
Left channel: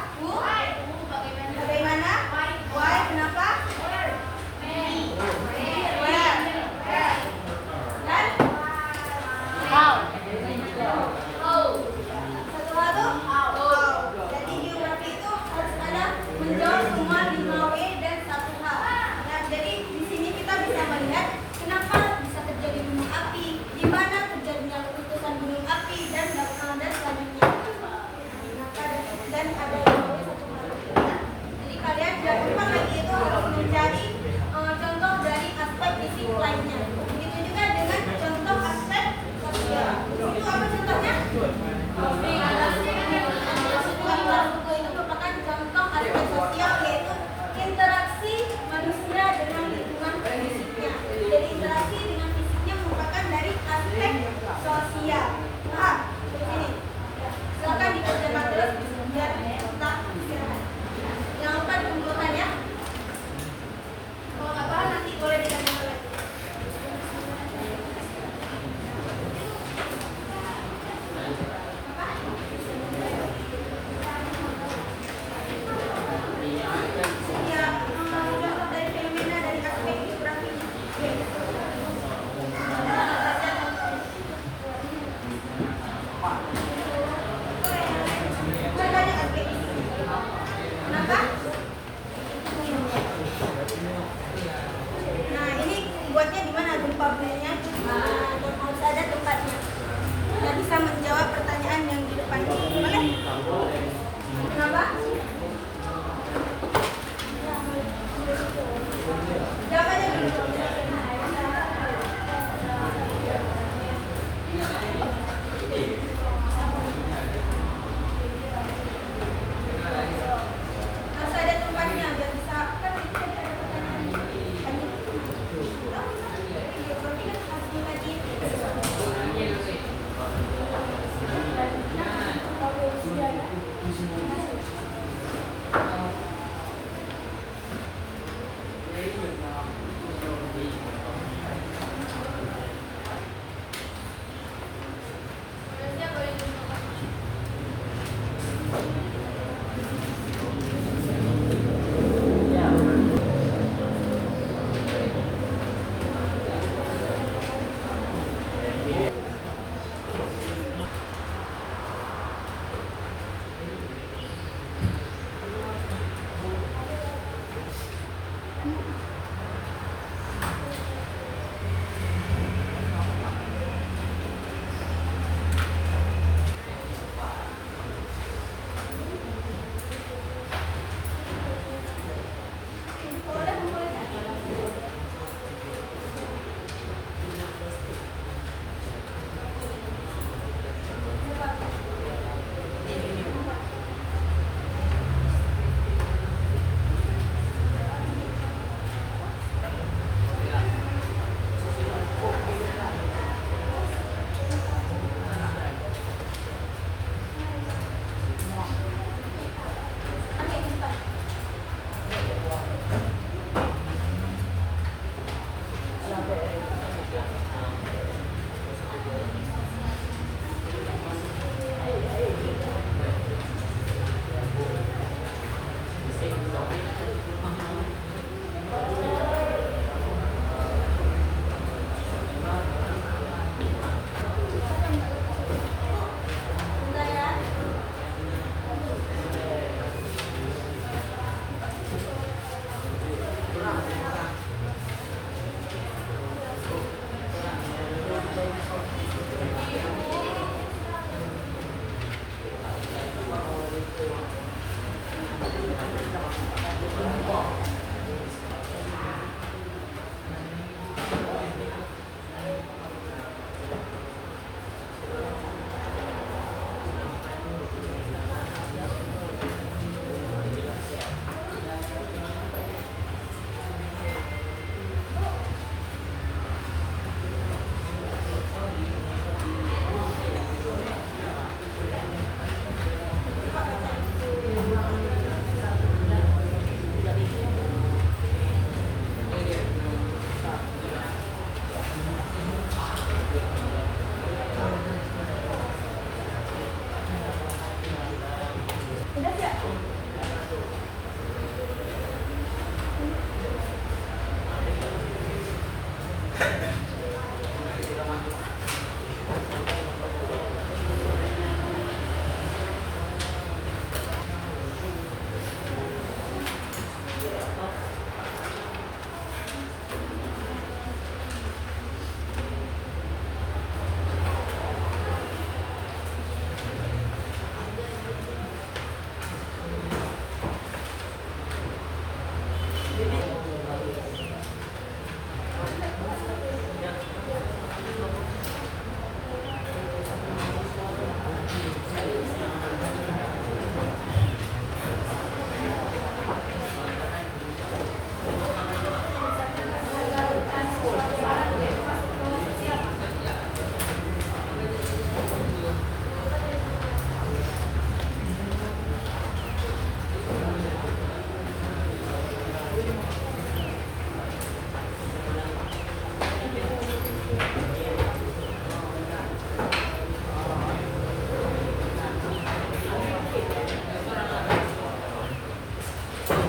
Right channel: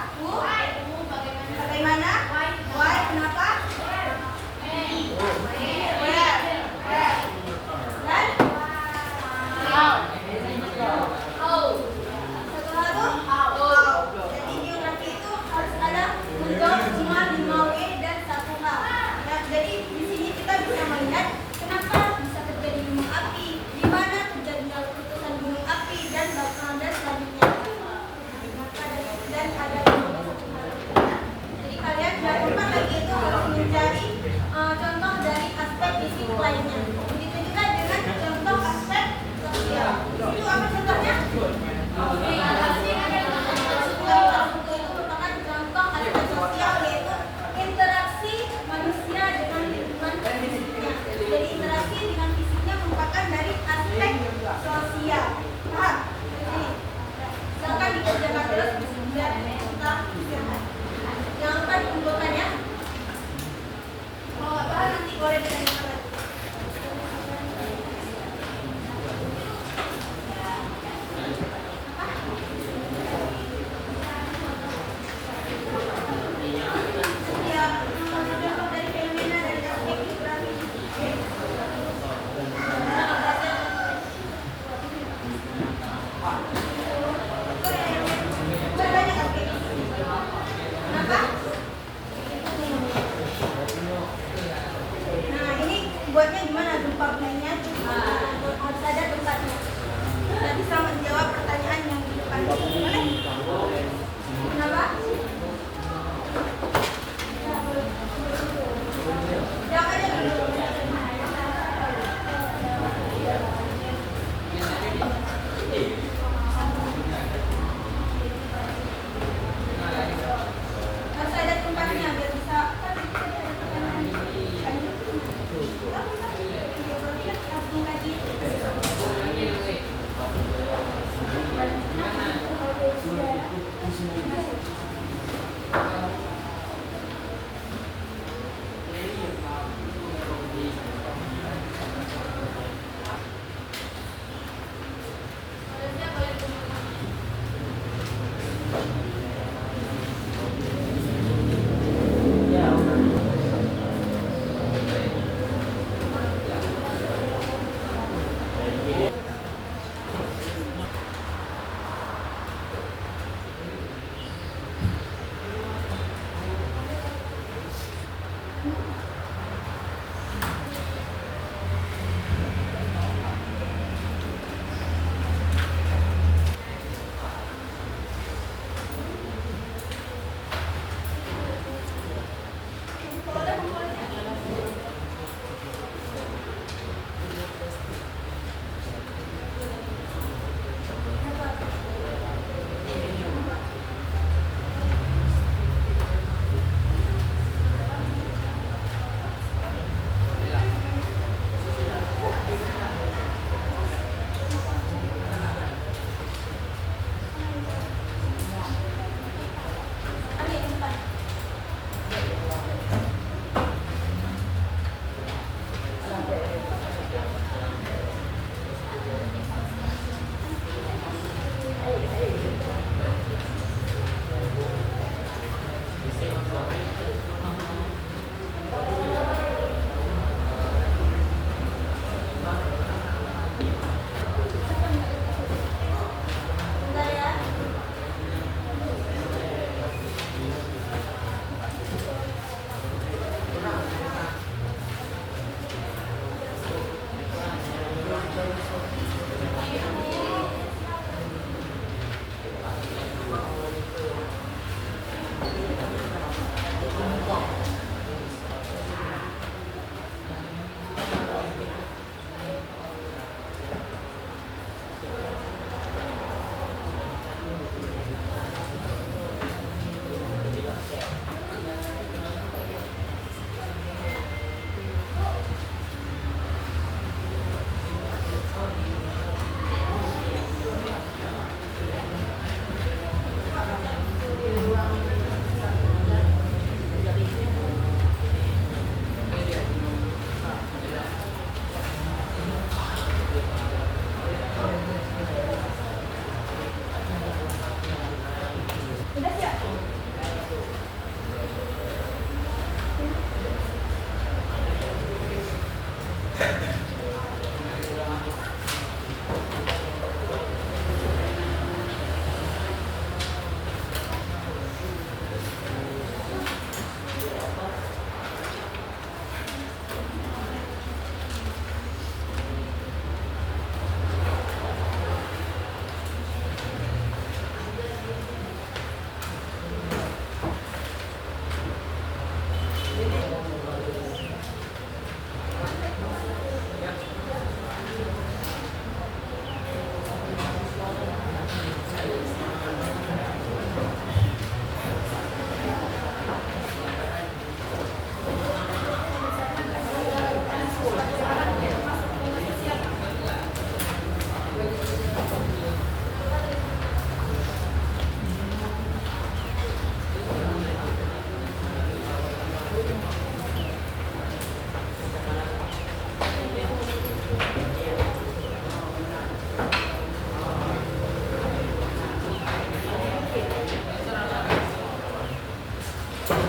Tolong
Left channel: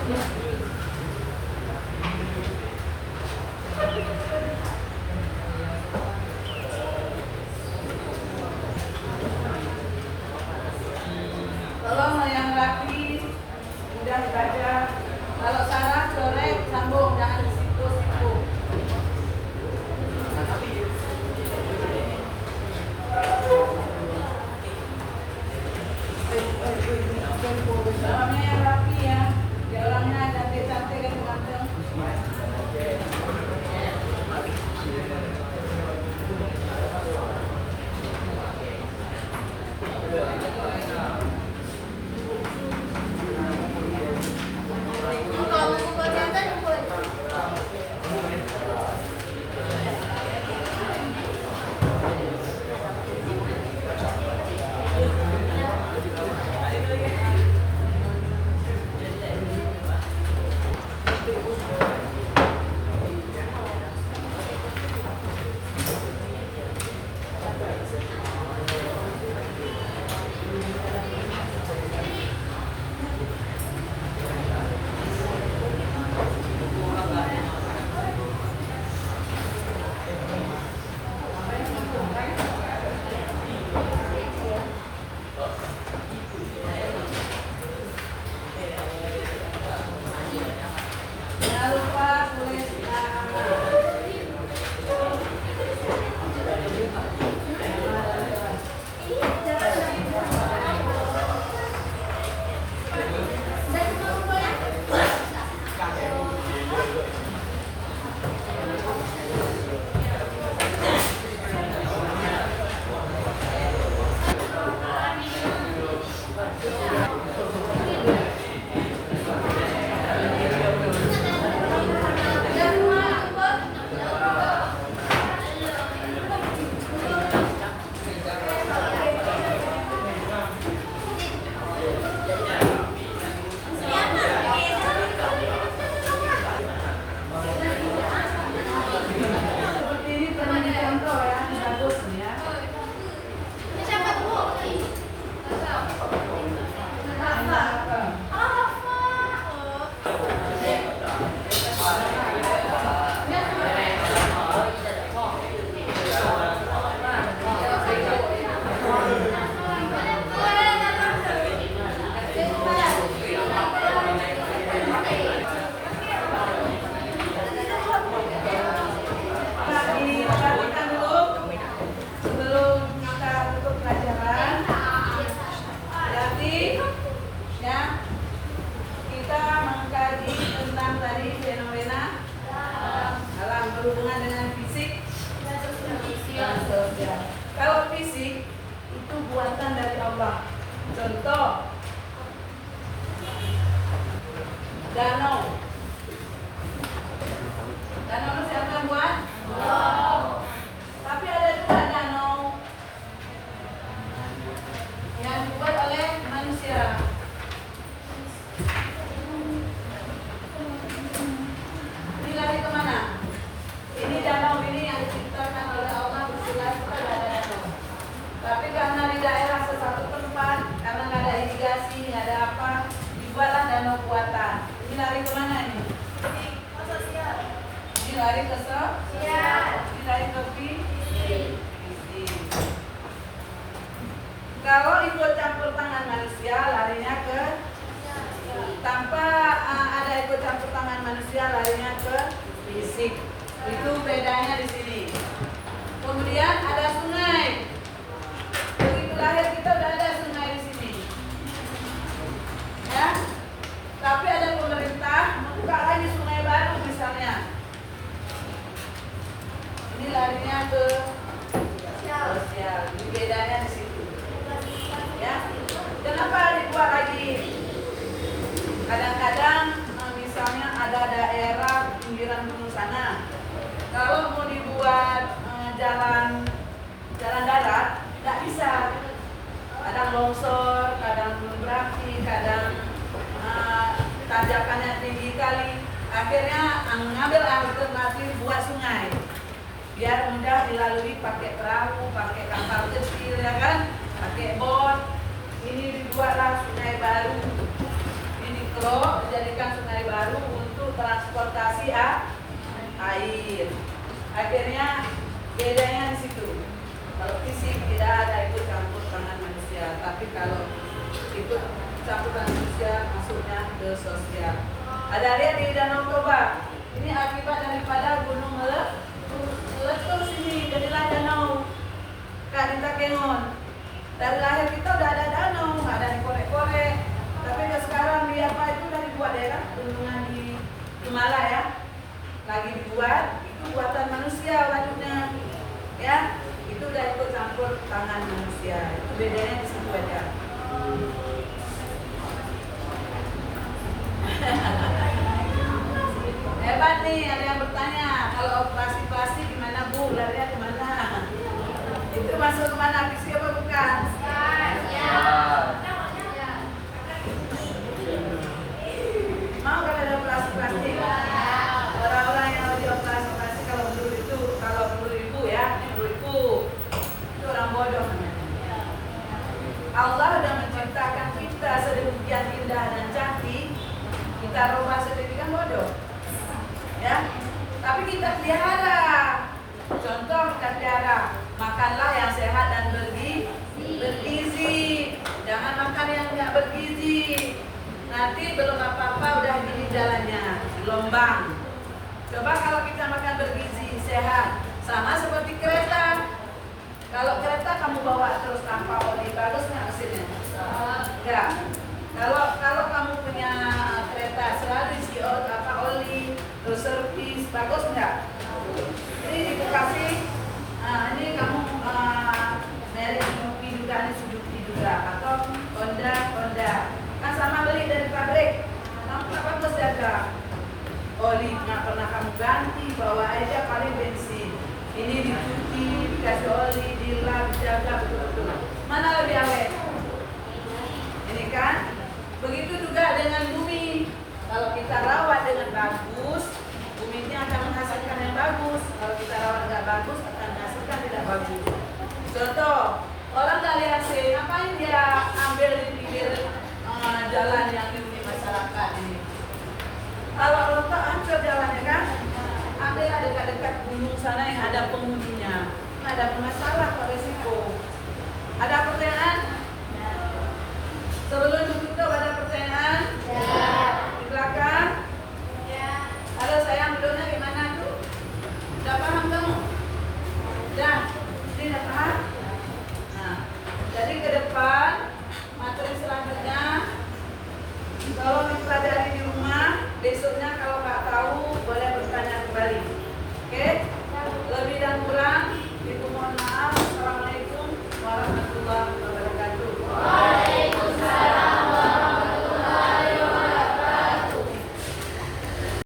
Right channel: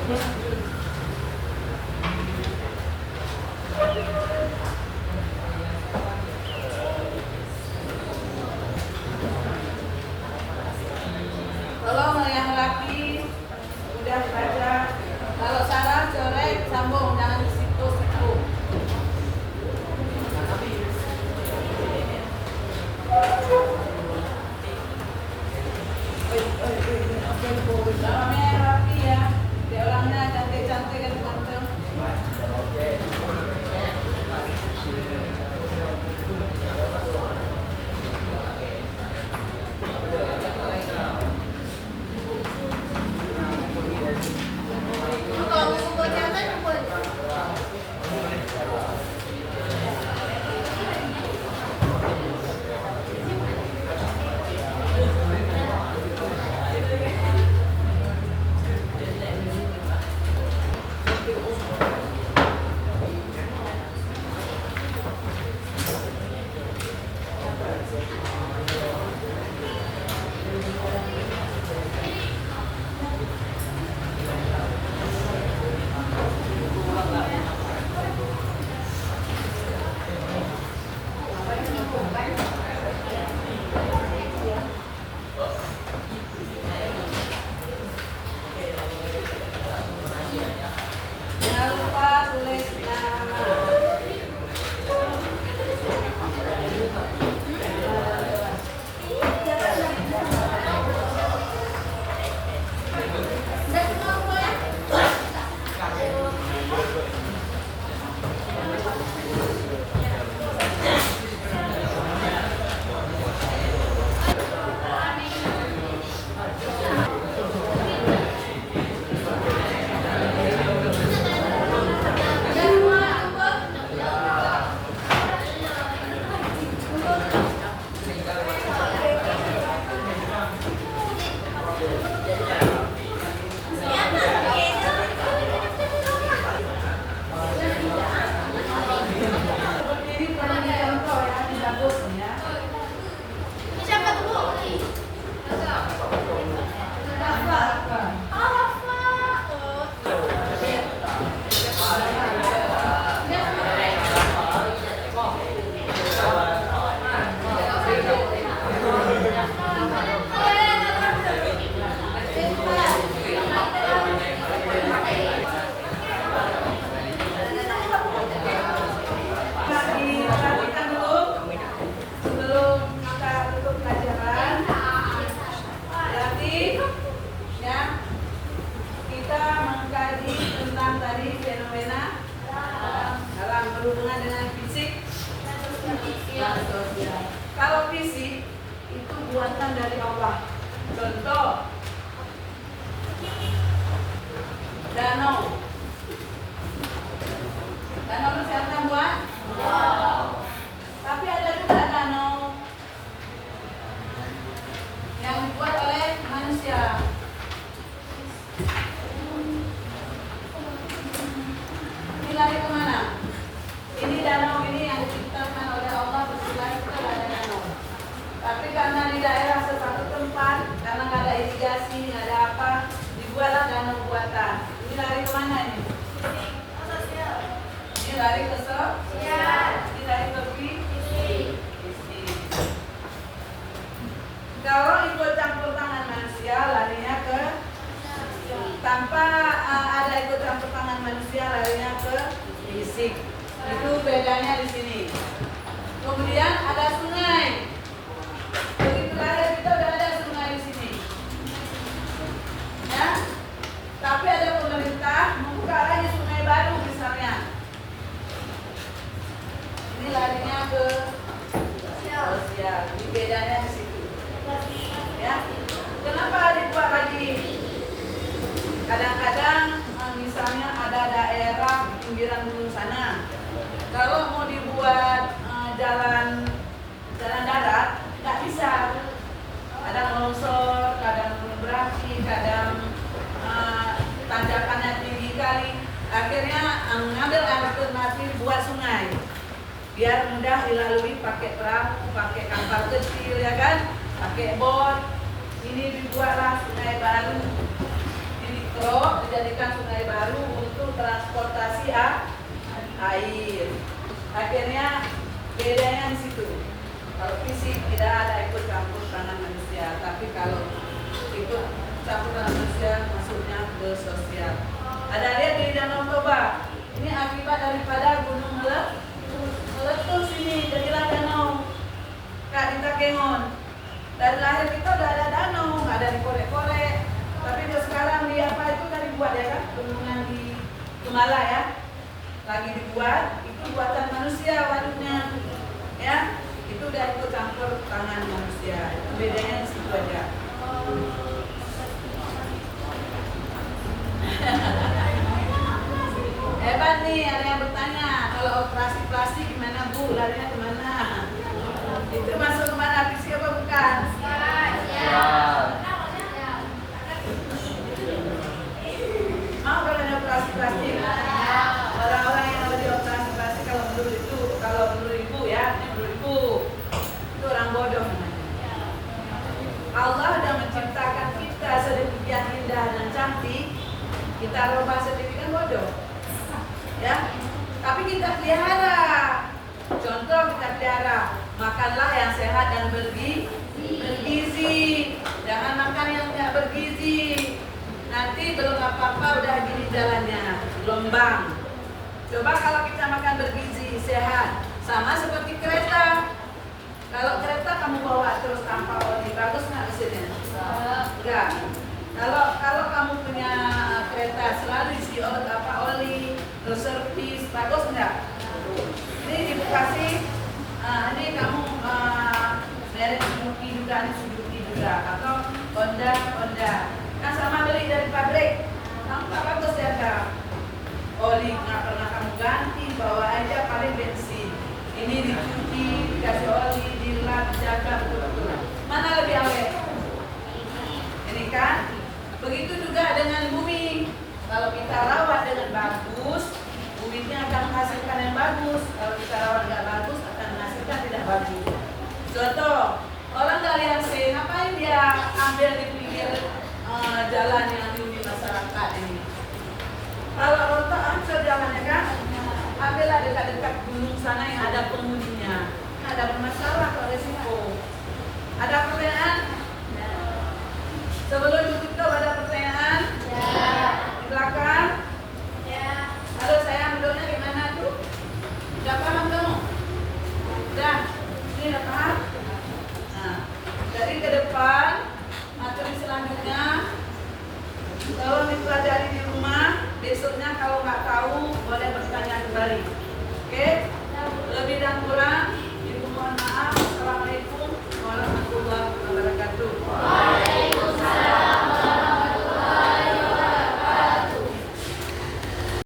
yang laki udah belajar. Kalau salah coret, sambung, jangan sipu-sipu. Tolong yang rapi ya. Dia orangnya cantik-cantik dan ganteng. Kalau buku buat catat buat. Jangan lupa tulis nama. Seperti ini perlu dicontoh ya, bagus ya. Siapa tuh Bu? Rafa. Oh, Rafa. Oh. Diperhatikan dulu sebelum kita tutup pelajaran. Berarti ya kita mengkaji tentang tadi fenomena dalam berhubungan dengan fisik dan sosial. Kalau fisik itu buatan dari Allah. Contoh danau. Danau itu siapa yang buat? Tapi ada juga danau yang dibuat oleh manusia. Ini lari kemana? Ini danau ini yang diciptakan oleh Allah bersilah kepada danau. Tapi karena di daerah sesuatu tempat, karena nggak ada irigasi, nggak ada apa, dibuatlah danau buatan. Ini lari kemana ini? Ini lari ke sosial. Ini lari ke fisik. Kalau ikut campur tangan manusia, larinya ke tanpa ada ikut campur tangan manusia, larinya ke fisik. Itu bedanya di sini. Kemudian ada sungai. Begitu lahir kita udah ada sungai di sini. Ya. Tapi ada pemerintah membuka lagi sungai baru misalnya. Ini larinya ke sosial. Ini bedanya di situ. Ya. Kenapa dibuat lagi? Kadang-kadang misalnya ada daerah pinggiran gunung sana. Kalau mau dibuat jalan darat, tidak bisa. Kadang longsor, kadang gunung berapi, kadang tanjakannya tinggi kali. Akhirnya mengambil alternatif buat sungai. Biar mudah dilalui pakai perahu, pakai kapal kecil ya kan, pakai bot. Ini dibuatlah sungai baru. Ini mangrove dijadikan sungai baru untuk transportasi air. Akhirnya bedanya di situ. Kalau fisik tidak ada ikut campur tangan manusia, tapi kalau ikut campur tangan manusia masuknya ke sosial. Ada lihat di Danau Toba. Ini akibat daripada gunung meletus ini, jadilah danau. Kak Dinta Kengon. Dari lahir kita udah ada danau, nggak ada dikorek-korek. Tapi udah sekarang di apa itu dari buat ya kan? Bendungan di Gemala ya, lagi dibuat. Itu buatan manusia waduknya, ya. Itu udah ikut campur tangan manusia. Itu bedanya di situ aja. Hebat nih, ada yang bertanya, kalau operasi plastik gimana Bu? Larinya kemana? Itu masuk kemana? Fisik apa bukan? Mau kalau ada operasi plastik? Orang-orang yang lagi operasi plastik kalau menurut Ibu ya, ini menurut Ibu, itu orang bodoh namanya. Allah sudah menciptakan kita sedemikian indah dan cantik, kita rubah sedemikian bodoh. Ya, tapi kita pelihara. Contoh kita pelihara, makanlah yang sehat dan bergizi. Jangan makan yang tidak bergizi. Nanti belum apa-apa udah gini jalannya, gelombang. Coba kalau kita makan bergizi, sehat, sama seperti kereta. Kalau kereta kamu bawa terus tanpa oli, bagus nggak mesinnya? Enggak. Kalau kamu punya kereta selalu isi oli, terus servis, bagus enggak? Ini di Bekasi, ini kamu merek Suzuki juga, atau Honda, kan sama beli dari pabrik, kamu nggak bagus jaga oli, nggak pernah kamu ganti, bawa aja paling bensin. Ini dicuci, dikasih oli, dilap, dijaga betul-betul. Mana lebih awet? Ini kan? Begitu juga dengan bumi. Kalau kita rawat dengan bagus, bumi ini akan menghasilkan yang bagus. Kalau kita rawat nggak bagus, akan menghasilkan tidak bagus. Contoh, orang dari AC, ngapain dia ambil di pinggir jalan yang dihuni masyarakat ini? Kalau rontok hancur jalannya kan, ambillah dekat-dekat gunung sana yang ada penghuninya. Nggak ada masalah, kok resiko. Ada pertanyaan? Sebelum